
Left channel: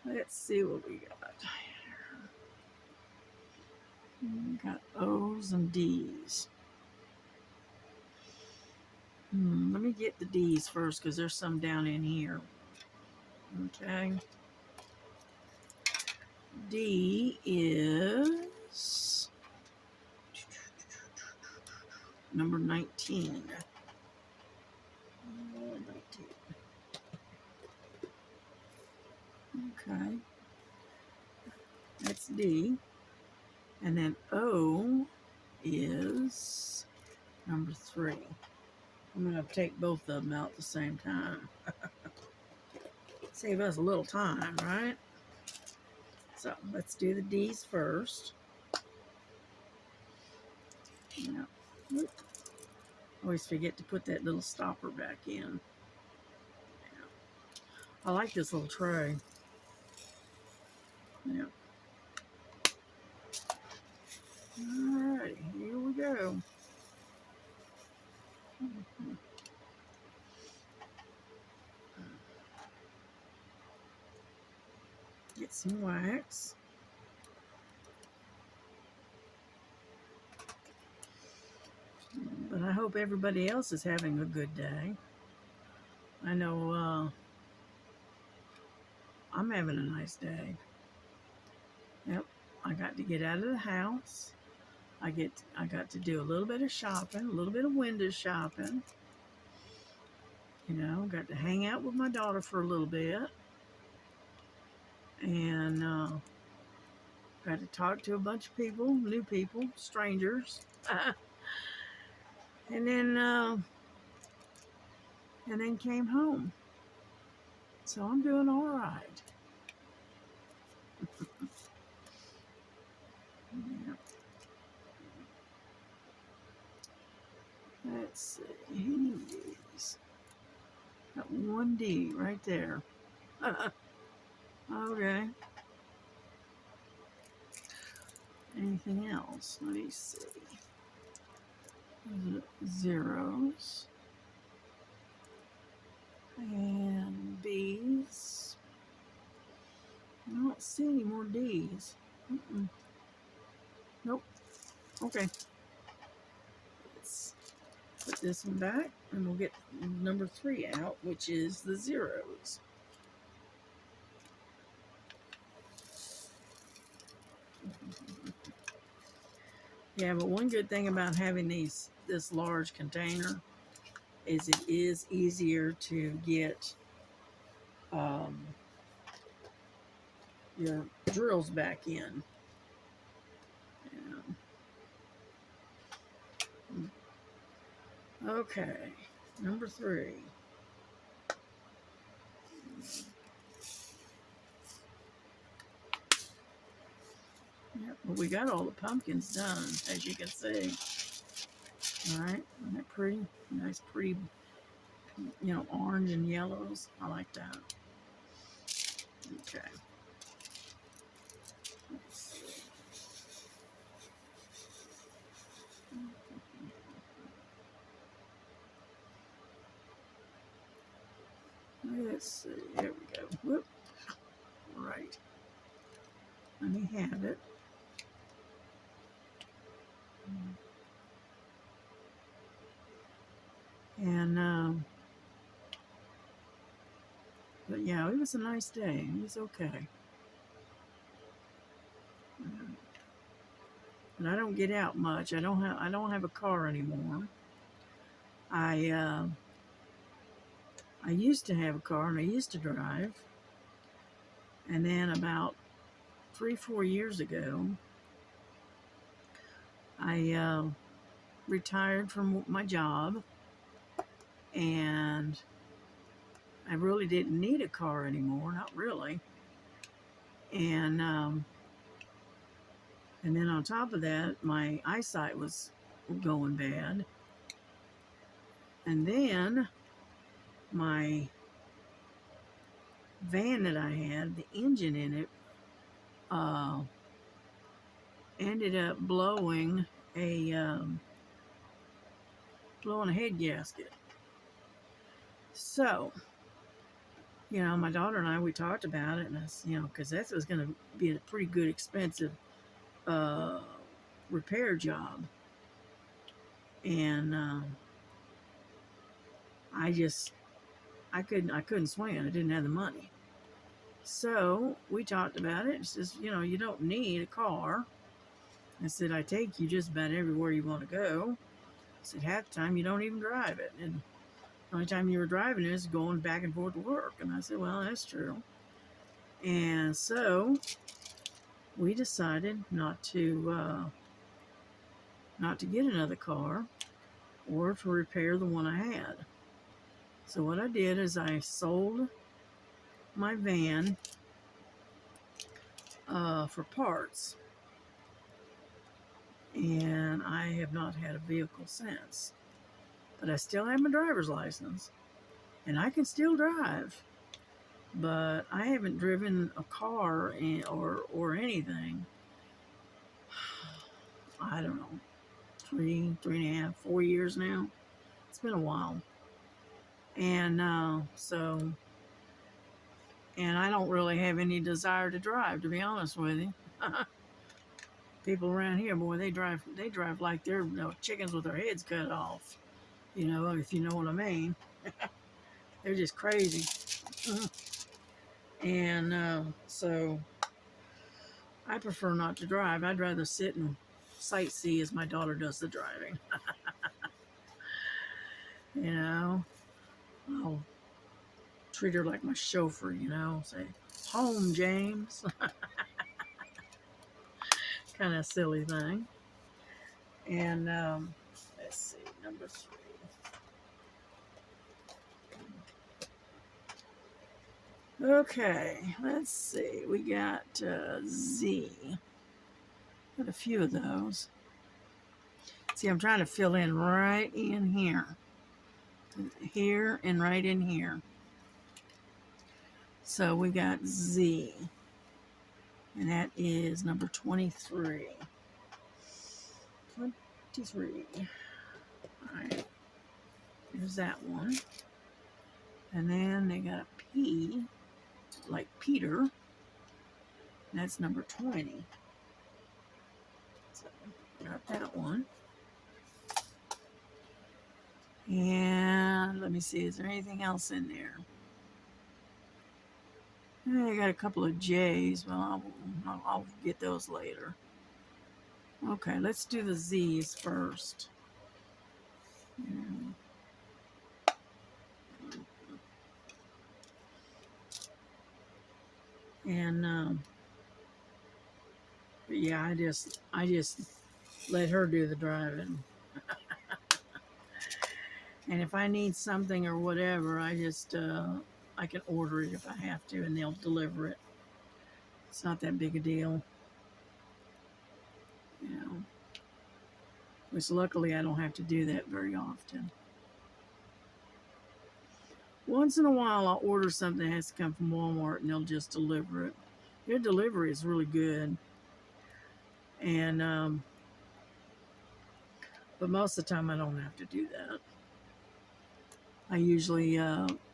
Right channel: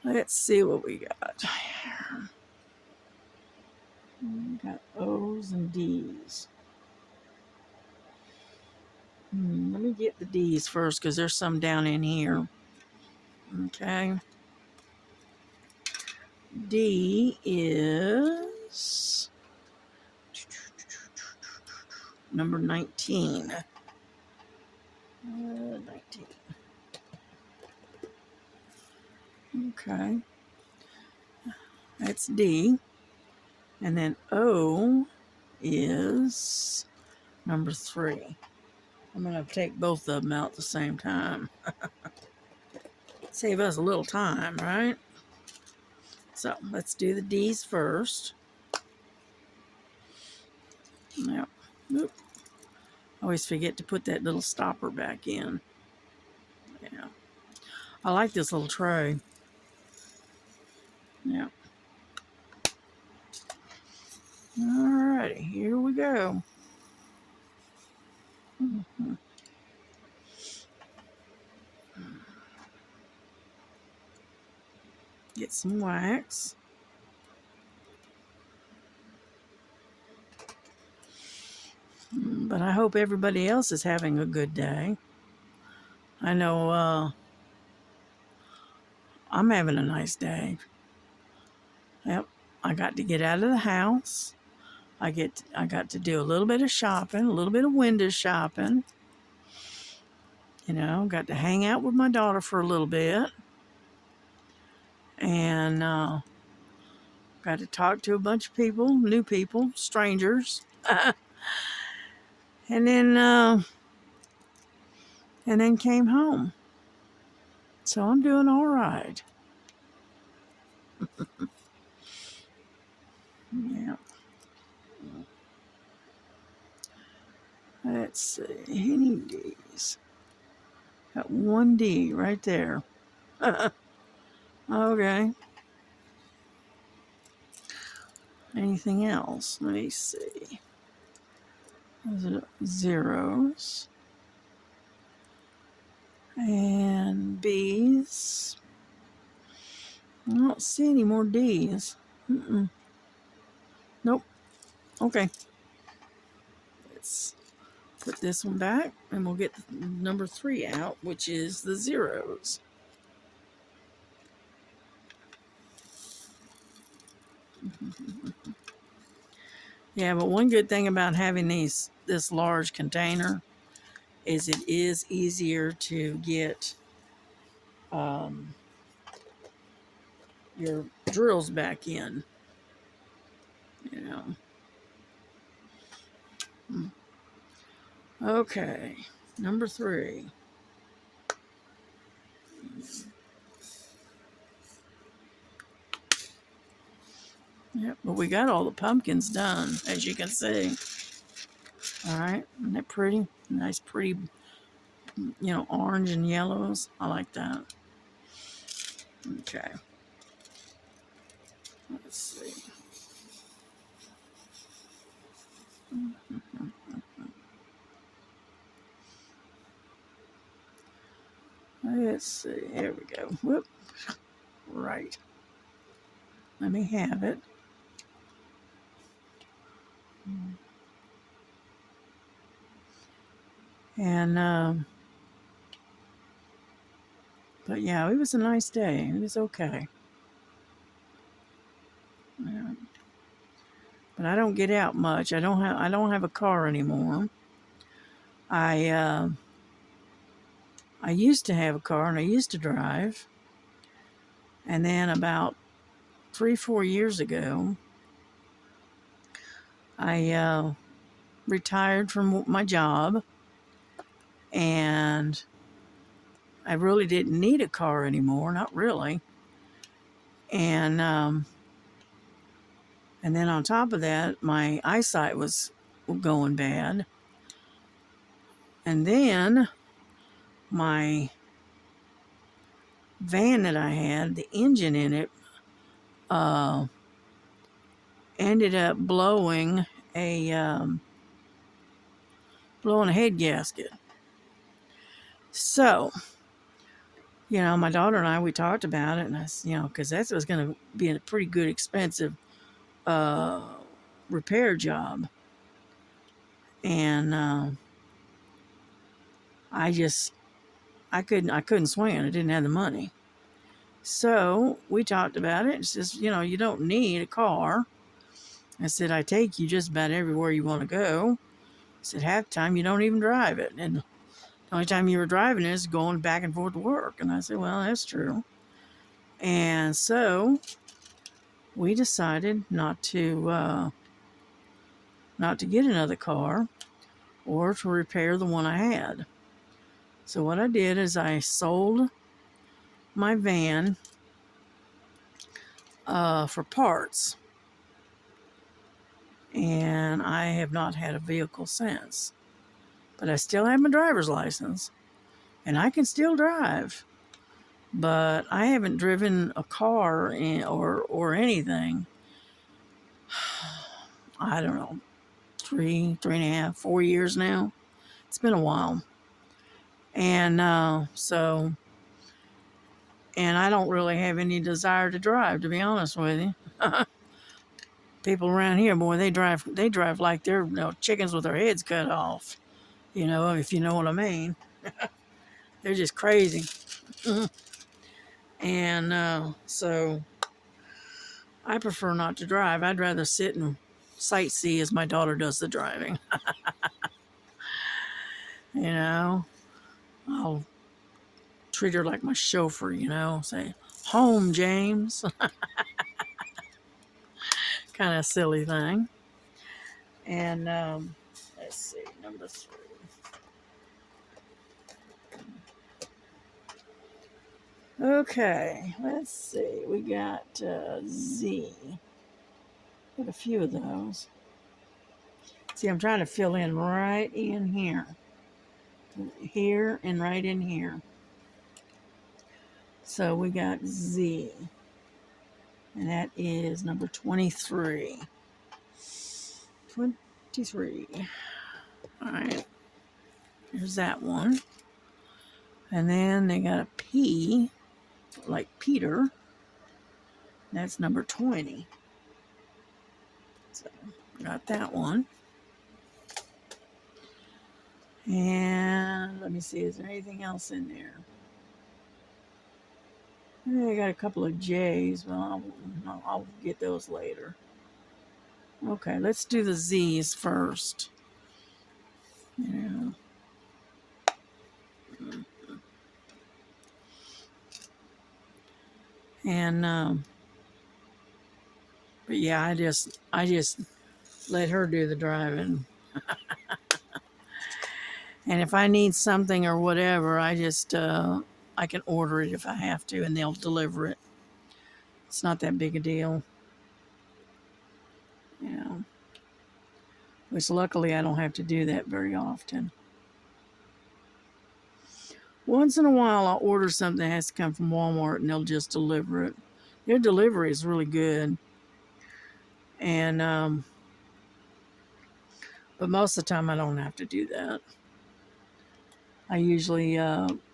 Let's see what we got. We got O's and D's. Let me get the D's first, because there's some down in here. Okay. D is number 19. 19. Okay. That's D. And then O is number 3. I'm going to take both of them out at the same time. Save us a little time, right? So let's do the D's first. Now, oop. I always forget to put that little stopper back in. Yeah. I like this little tray. Yeah. Alrighty, here we go. Get some wax. But I hope everybody else is having a good day. I know I'm having a nice day. Yep, I got to get out of the house. I got to do a little bit of shopping, a little bit of window shopping. You know, got to hang out with my daughter for a little bit. And got to talk to a bunch of people, new people, strangers. and then came home. So I'm doing all right. Yeah. Let's see. Any D's? Got one D right there. Okay. Anything else? Let me see. Those are zeros. And B's. I don't see any more D's. Nope. Okay. Let's put this one back and we'll get number 3 out, which is the zeros. Yeah, but one good thing about having this large container is it is easier to get your drills back in, you know. Okay, number 3. Yep, but we got all the pumpkins done, as you can see. All right, isn't that pretty? Nice, pretty, you know, orange and yellows. I like that. Okay. Let's see. Let's see. Here we go. Whoop. Right. Let me have it. And but yeah, it was a nice day. It was okay. Yeah. But I don't get out much. I don't have a car anymore. I used to have a car and I used to drive. And then about 3-4 years ago, I retired from my job, and I really didn't need a car anymore, not really. And then on top of that, my eyesight was going bad. And then my van that I had, the engine in it, ended up blowing a head gasket. So, you know, my daughter and I, we talked about it, and I, you know, because that was going to be a pretty good, expensive repair job. And I couldn't swing it. I didn't have the money. So we talked about it. It says, you know, you don't need a car. I said, I take you just about everywhere you want to go. I said, half the time you don't even drive it. And the only time you were driving it is going back and forth to work. And I said, well, that's true. And so we decided not to get another car or to repair the one I had. So what I did is I sold my van for parts. And I have not had a vehicle since. But I still have my driver's license. And I can still drive. But I haven't driven a car or anything I don't know, 3.5, 4 years now. It's been a while. And and I don't really have any desire to drive, to be honest with you. People around here, boy, they drive like they're, chickens with their heads cut off. If you know what I mean. They're just crazy. And so I prefer not to drive. I'd rather sit and sightsee as my daughter does the driving. I'll treat her like my chauffeur, say, home, James. Kind of silly thing. And let's see, number 3. Okay, let's see. We got Z. Got a few of those. See, I'm trying to fill in right in here. Here and right in here. So we got Z. And that is number 23. 23. All right. There's that one. And then they got a P, like Peter. That's number 20. So, got that one. And let me see, is there anything else in there? I got a couple of J's. Well, I'll get those later. Okay, let's do the Z's first. And but yeah, I just let her do the driving. And if I need something or whatever, I can order it if I have to, and they'll deliver it. It's not that big a deal. Which luckily I don't have to do that very often. Once in a while I'll order something that has to come from Walmart and they'll just deliver it. Their delivery is really good. And but most of the time I don't have to do that. I usually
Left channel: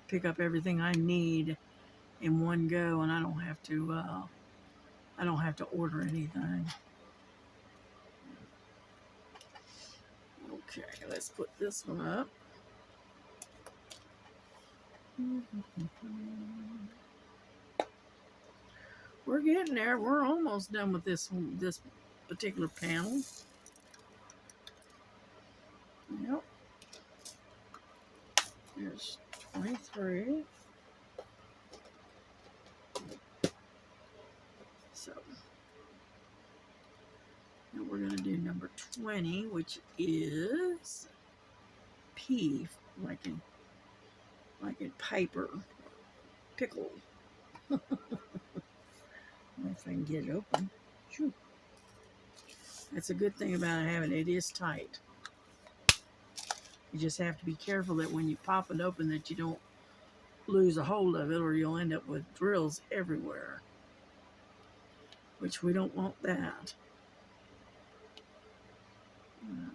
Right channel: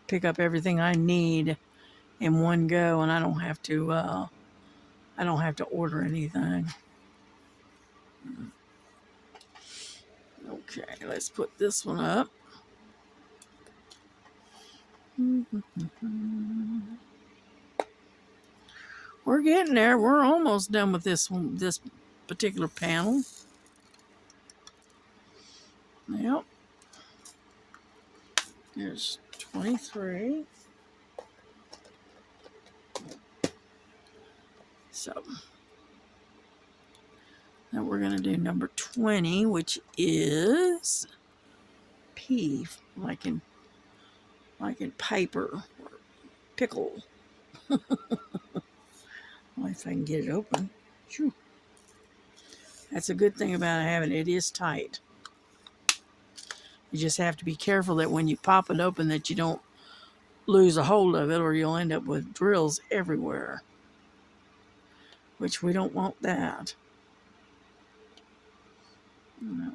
pick up everything I need in one go, and I don't have to order anything. Okay, let's put this one up. We're getting there. We're almost done with this particular panel. Yep. There's 23. So now we're going to do number 20, which is P, like in Piper, pickle. Well, if I can get it open. Shoo. That's a good thing about having it. It is tight. You just have to be careful that when you pop it open that you don't lose a hold of it, or you'll end up with drills everywhere. Which we don't want that. No.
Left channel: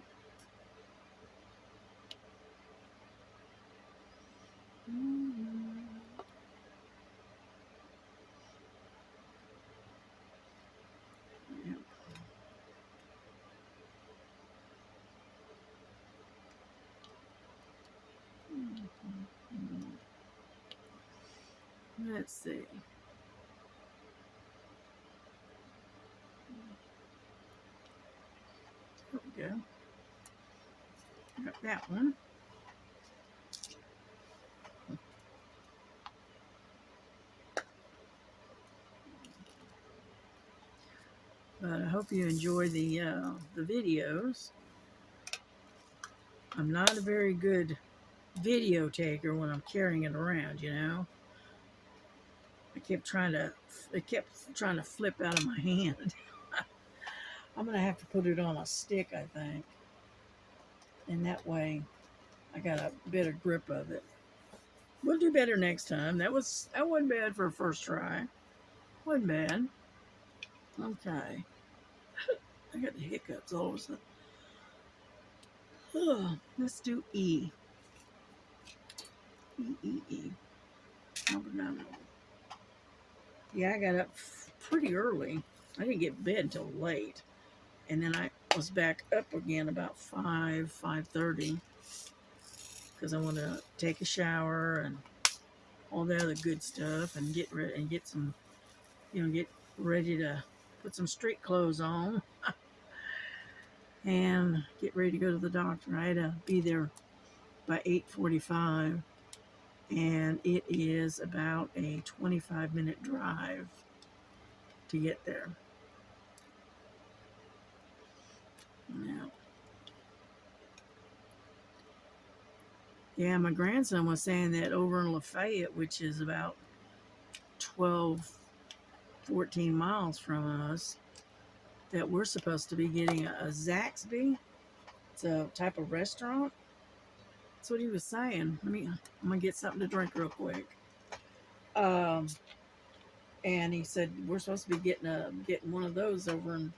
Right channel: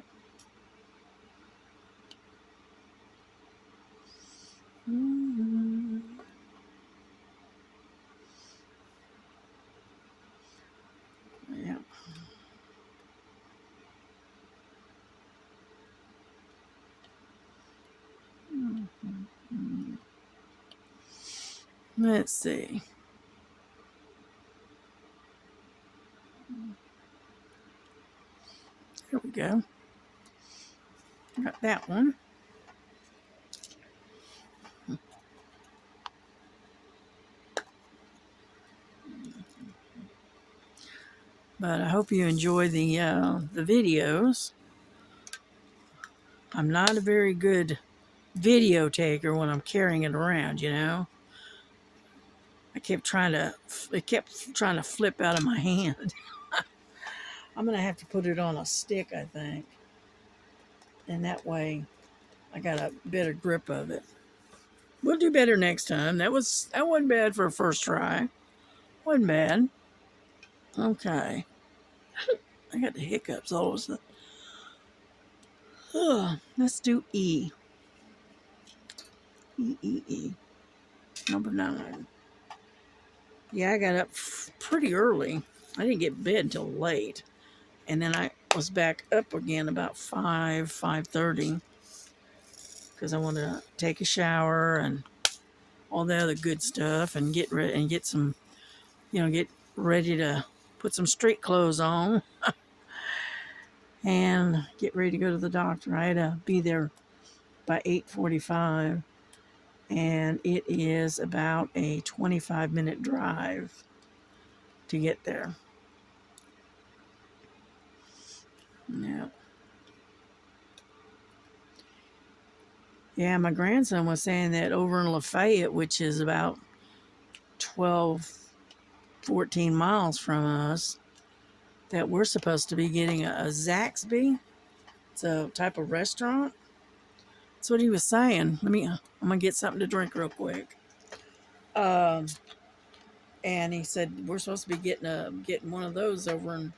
Yeah. Let's see. There we go. Got that one. But I hope you enjoy the videos. I'm not a very good video taker when I'm carrying it around, it kept trying to flip out of my hand. I'm going to have to put it on a stick, I think. And that way I got a better grip of it. We'll do better next time. That wasn't bad for a first try. Wasn't bad. Okay. I got the hiccups all of a sudden. Let's do E. E. Number 9. Yeah, I got up pretty early. I didn't get bed until late. And then I was back up again about 5:30 because I wanted to take a shower and all the other good stuff and get ready and get some, get ready to put some street clothes on and get ready to go to the doctor. I had to be there by 8:45, and it is about a 25-minute drive to get there. Yeah. Yeah, my grandson was saying that over in Lafayette, which is about 12, 14 miles from us, that we're supposed to be getting a Zaxby. It's a type of restaurant. That's what he was saying. I'm gonna get something to drink real quick. And he said we're supposed to be getting one of those over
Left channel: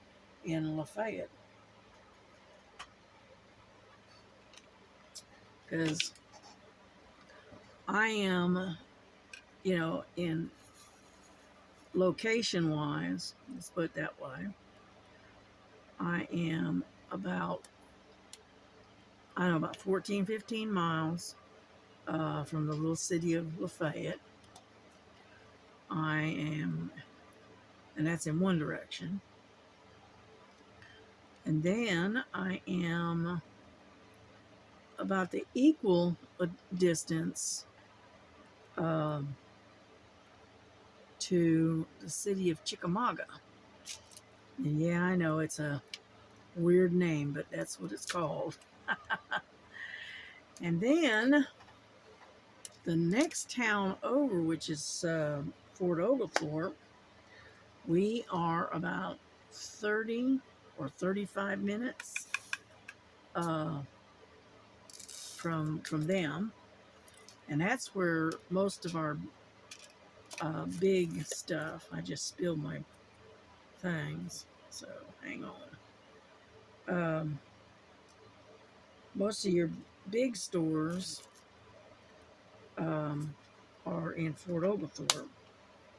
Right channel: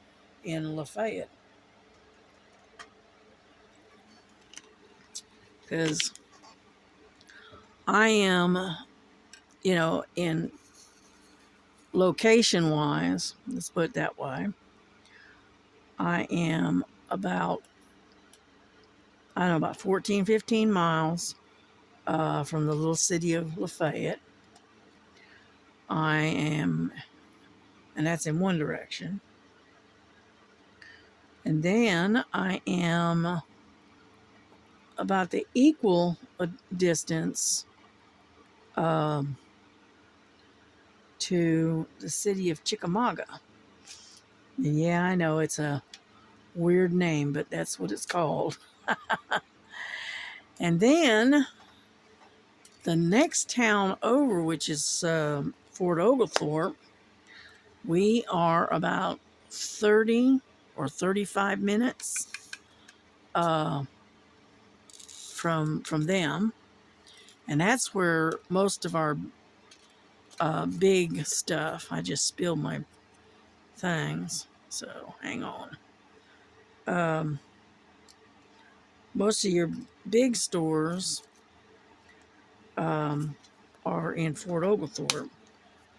in Lafayette because I am, in location wise, let's put it that way, I am about, I don't know, about 14, 15 miles from the little city of Lafayette. I am, and that's in one direction. And then I am about the equal distance to the city of Chickamauga. And yeah, I know it's a weird name, but that's what it's called. And then the next town over, which is Fort Oglethorpe, we are about 30 or 35 minutes from them, and that's where most of our big stuff. I just spilled my things, so hang on. Most of your big stores are in Fort Oglethorpe.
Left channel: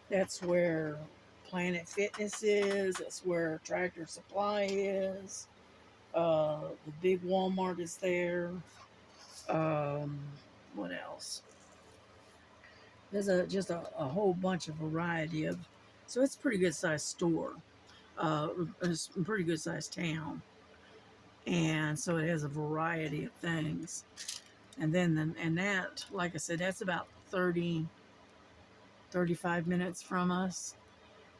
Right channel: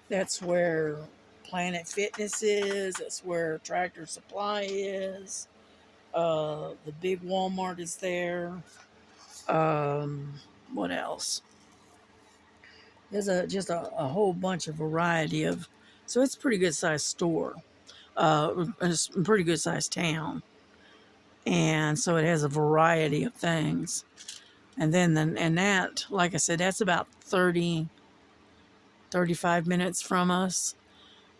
That's where Planet Fitness is. That's where Tractor Supply is. The big Walmart is there. What else? There's just a whole bunch of variety of. So it's a pretty good sized store. It's a pretty good sized town. And so it has a variety of things. And then, that, like I said, that's about 30, 35 minutes from us.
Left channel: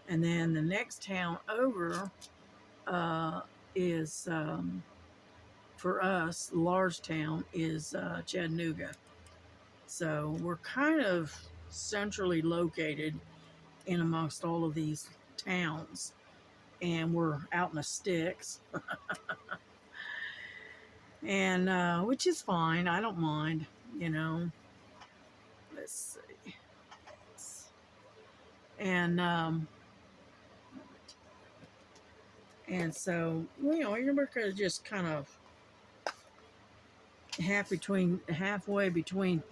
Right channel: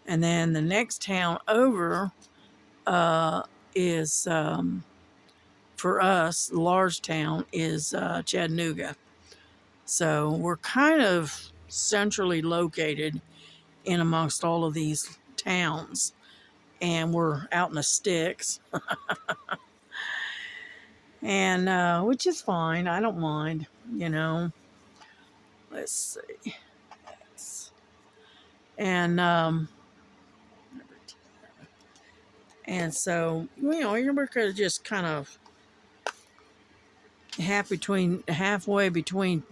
And then the next town over is, for us, the large town is Chattanooga. So we're kind of centrally located in amongst all of these towns. And we're out in the sticks. And which is fine. I don't mind, Let's see. And so, you're kind of just kind of halfway between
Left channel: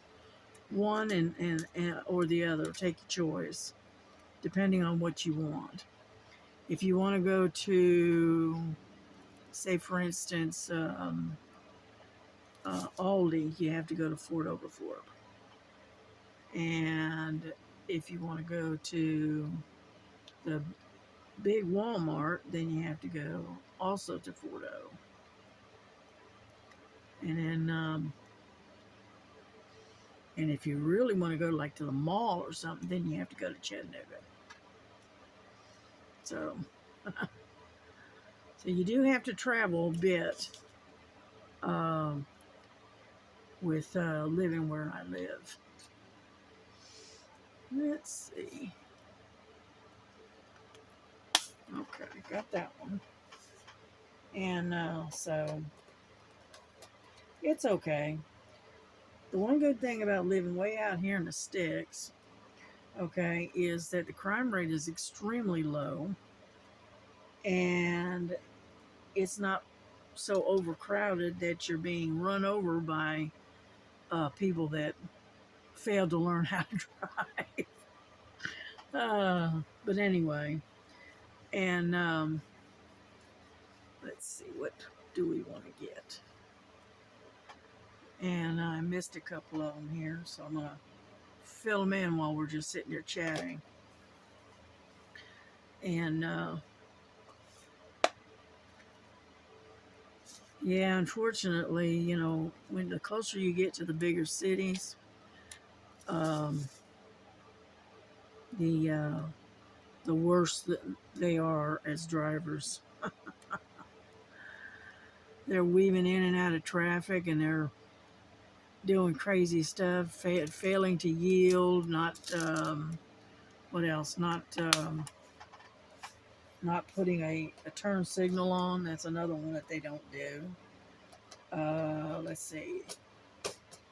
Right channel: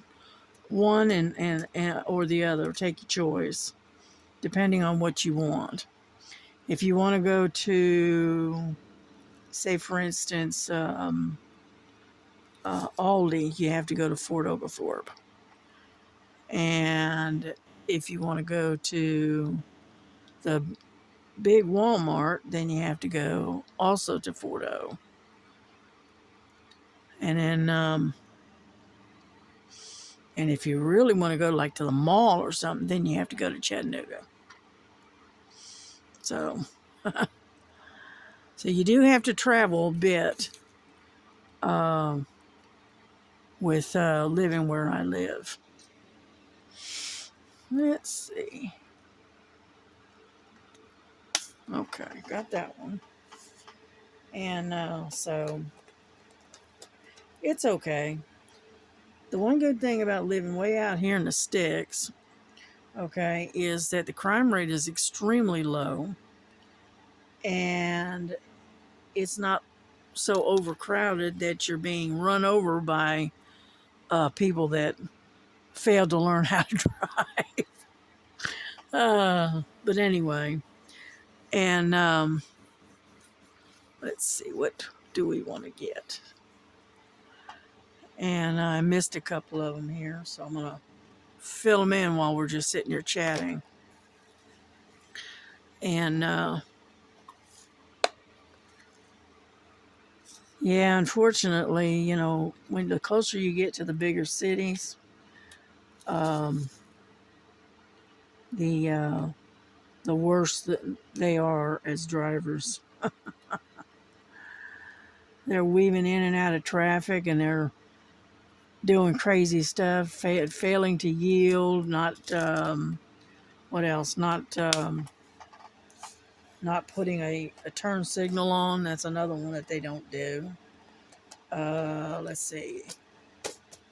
one and or the other. Take your choice, depending on what you want. If you want to go to, say, for instance, Aldi, you have to go to Fort Oglethorpe. And if you want to go to the big Walmart, then you have to go also to Fort O. And then, and if you really want to go to the mall or something, then you have to go to Chattanooga. So, so you do have to travel a bit with living where I live. Let's see. Okay, got that one. And so it's okay. The one good thing about living way out here in the sticks, okay, is that the crime rate is extremely low. And it's not so overcrowded that you're being run over by people that failed to learn how to drive. But anyway, and let's see, what do we want to get? And I missed a couple of them here, so I'm gonna fill them in while we're just sitting here chatting. And yeah, unfortunately, you know, when the closer you get to the bigger cities, um, the the worse that they are as drivers. They're weaving in and out of traffic, and they're doing crazy stuff, failing to yield, not what else? Not putting a turn signal on. That's another one that they don't do. Let's see.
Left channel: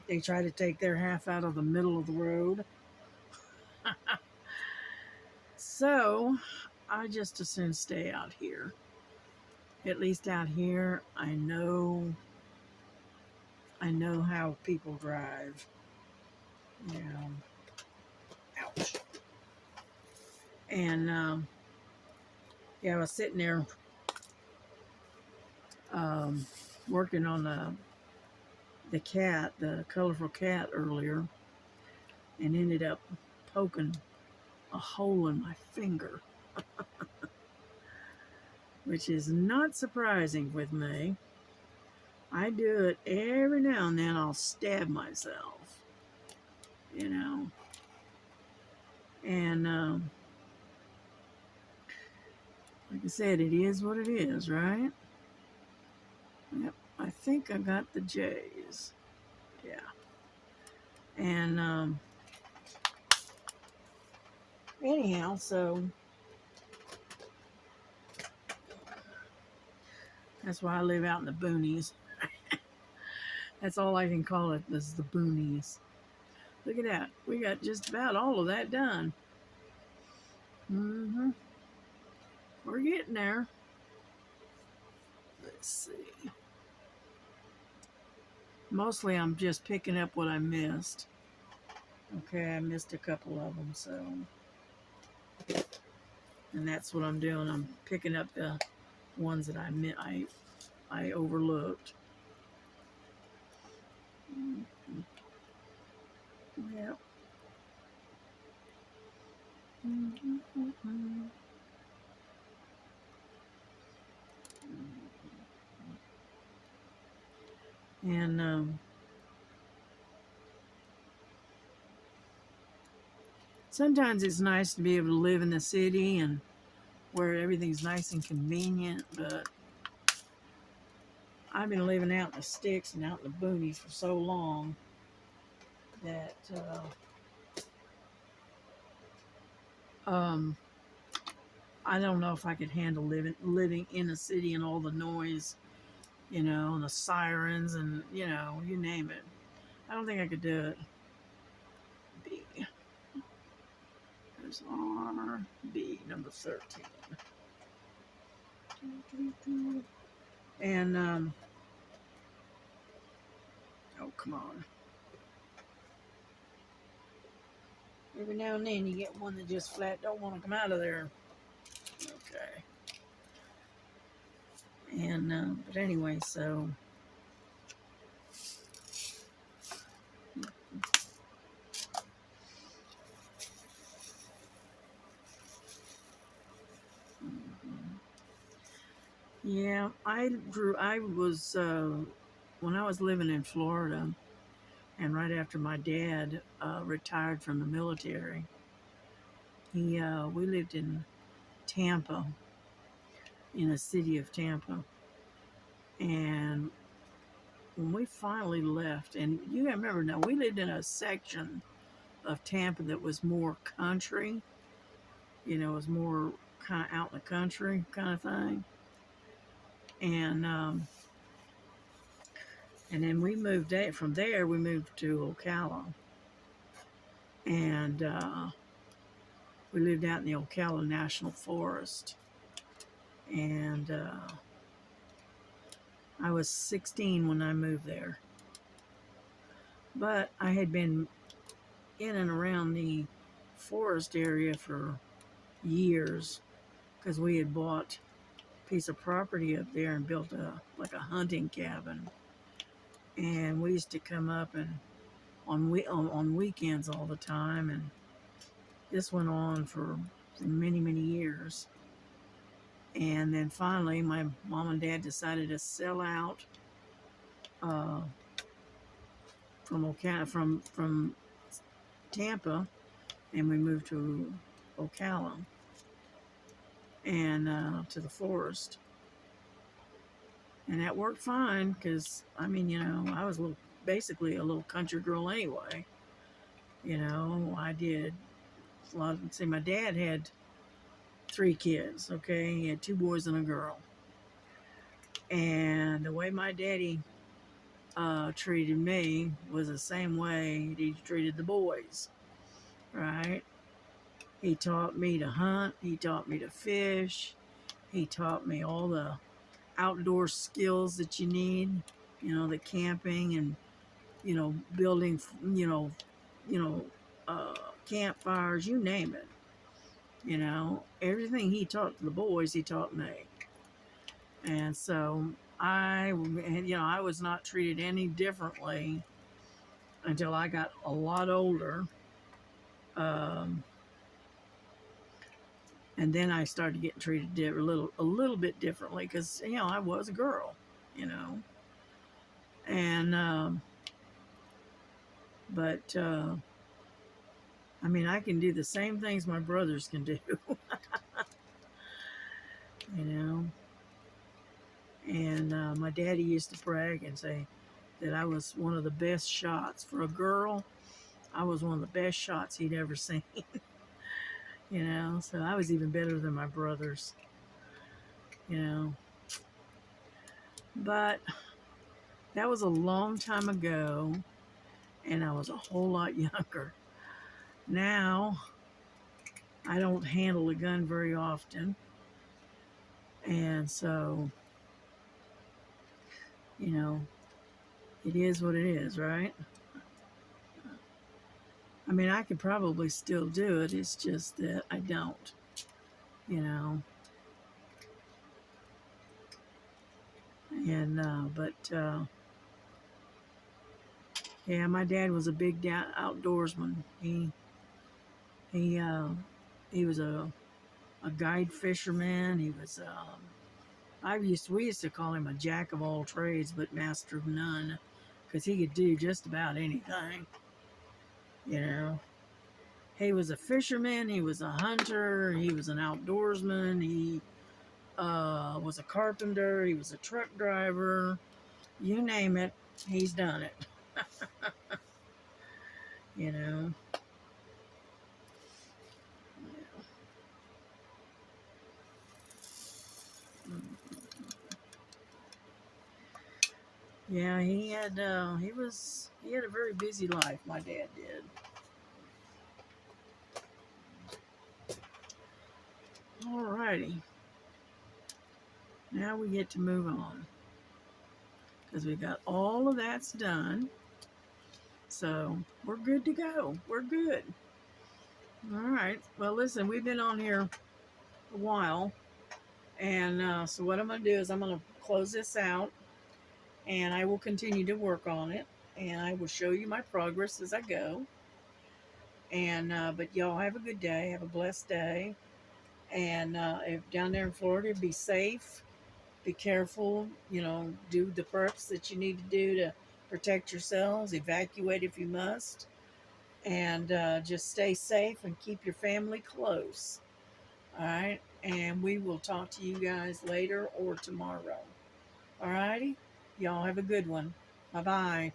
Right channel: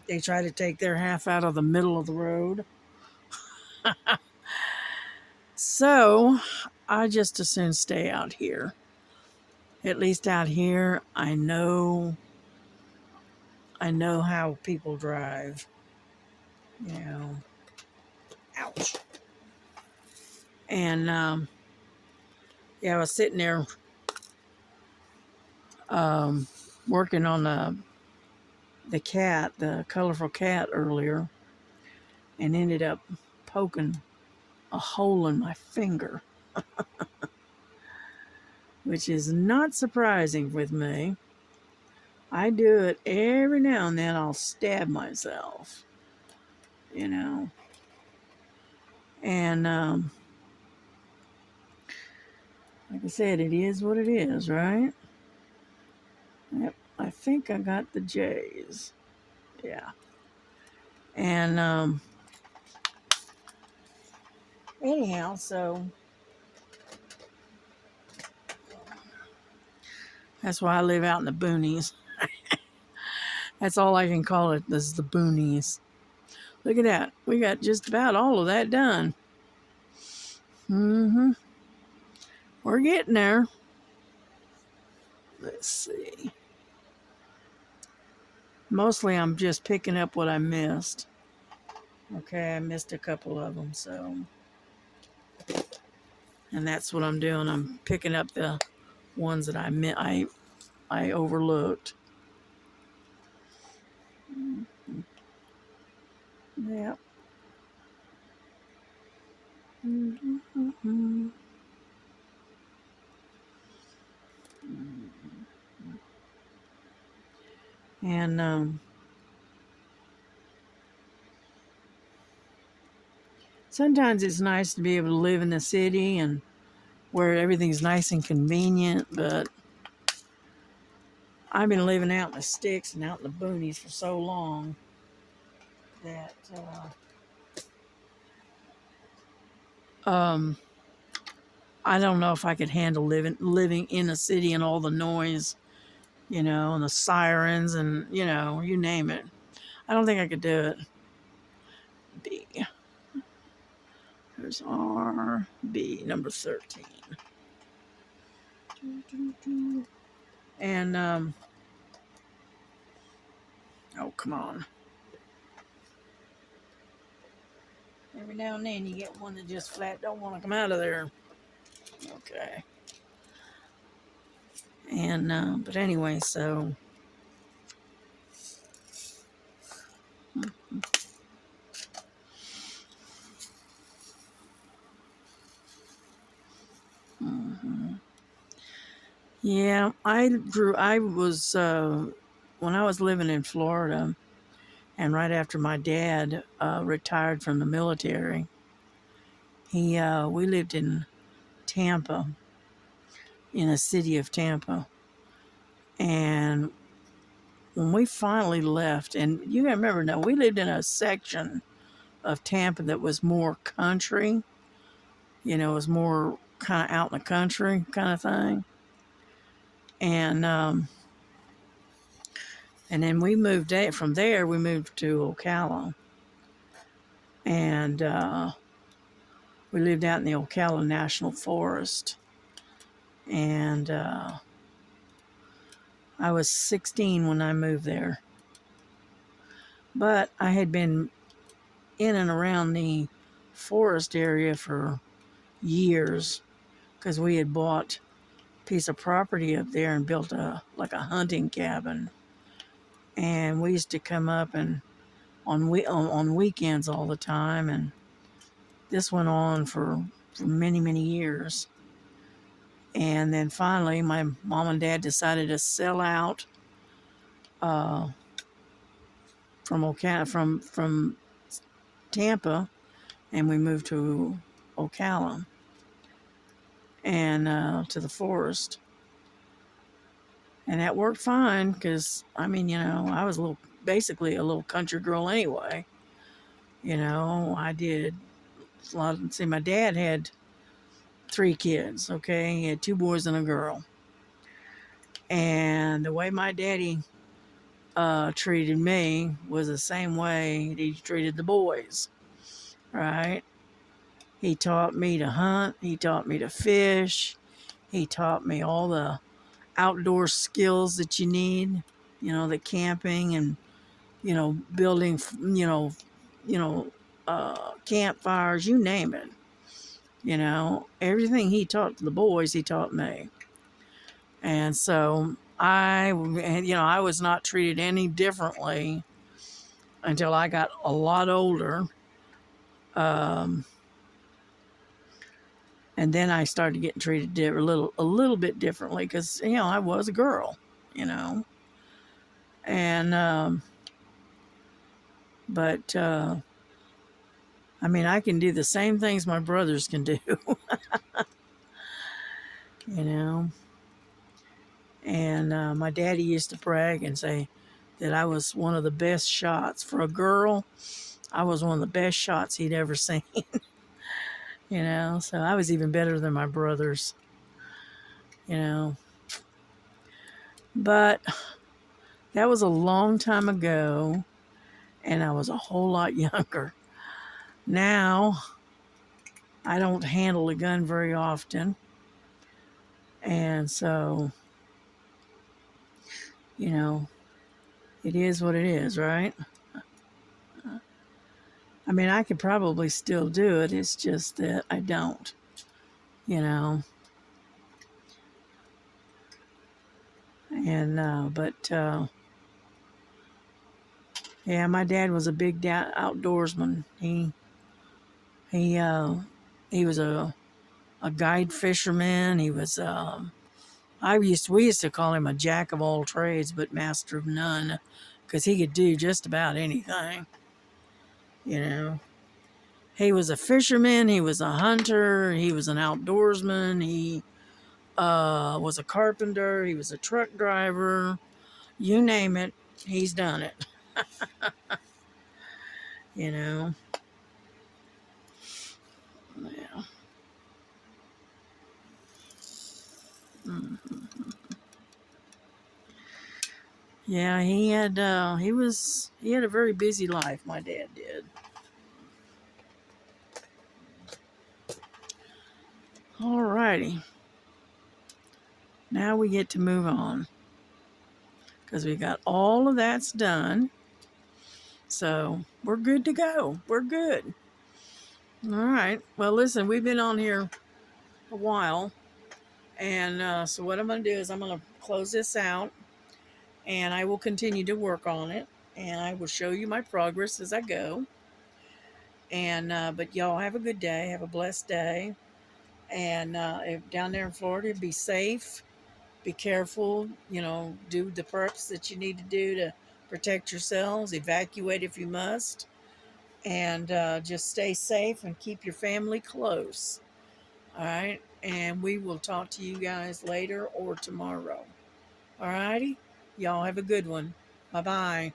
They try to take their half out of the middle of the road. So I just as soon stay out here. At least out here, I know how people drive. You know, ouch. And yeah, I was sitting there working on the cat, the colorful cat earlier, and ended up poking a hole in my finger, which is not surprising with me. I do it every now and then. I'll stab myself, you know. And like I said, it is what it is, right? Yep, I think I got the J's. Yeah. And anyhow, so that's why I live out in the boonies. That's all I can call it, is the boonies. Look at that. We got just about all of that done. Mm-hmm. We're getting there. Let's see. Mostly I'm just picking up what I missed. Okay, I missed a couple of them, so. And that's what I'm doing. I'm picking up the ones that I overlooked. Mm-hmm. Yeah. Mm-hmm. And sometimes it's nice to be able to live in the city and where everything's nice and convenient, but I've been living out in the sticks and out in the boonies for so long that I don't know if I could handle living in a city and all the noise, you know, and the sirens and, you know, you name it. I don't think I could do it. B. There's RB, number 13. And, oh, come on. Every now and then you get one that just flat don't want to come out of there. Okay. And, but anyway, so. Mm-hmm. Yeah, I was, when I was living in Florida, and right after my dad retired from the military, we lived in Tampa, in the city of Tampa. And when we finally left, and you gotta remember now, we lived in a section of Tampa that was more country, you know, it was more kind of out in the country kind of thing. And then we moved from there, we moved to Ocala. And we lived out in the Ocala National Forest. And I was 16 when I moved there. But I had been in and around the forest area for years because we had bought a piece of property up there and built a hunting cabin. And we used to come up and on weekends all the time, and this went on for many, many years. And then finally, my mom and dad decided to sell out uh, from Tampa, and we moved to Ocala and to the forest, and that worked fine because I mean, I was basically a little country girl anyway. I did a lot. See, my dad had 3 kids. Okay, he had 2 boys and a girl, and the way my daddy treated me was the same way he treated the boys, right? He taught me to hunt, he taught me to fish, he taught me all the outdoor skills that you need, the camping and, building, you know, campfires, you name it. Everything he taught the boys, he taught me. And so I was not treated any differently until I got a lot older. Um, and then I started getting treated a little bit differently because I was a girl, you know. And but I mean, I can do the same things my brothers can do, you know. And my daddy used to brag and say that I was one of the best shots for a girl. I was one of the best shots he'd ever seen. So I was even better than my brothers, you know. But that was a long time ago, and I was a whole lot younger. Now, I don't handle a gun very often, and so, you know, it is what it is, right? I mean, I could probably still do it, it's just that I don't, you know. And, yeah, my dad was a big outdoorsman. He he was a guide fisherman. He was we used to call him a jack of all trades but master of none because he could do just about anything. You know, he was a fisherman. He was a hunter. He was an outdoorsman. He was a carpenter. He was a truck driver. You name it, he's done it. You know. Yeah. Mm. Yeah, he had a very busy life, my dad did. Alrighty. Now we get to move on. Because we got all of that's done. So we're good to go. We're good. Alright. Well, listen, we've been on here a while. And so what I'm going to do is I'm going to close this out. And I will continue to work on it. And I will show you my progress as I go. And but y'all have a good day. Have a blessed day. And if down there in Florida, be safe, be careful, do the preps that you need to do to protect yourselves, evacuate if you must, and just stay safe and keep your family close. All right. And we will talk to you guys later or tomorrow. All righty. Y'all have a good one. Bye bye.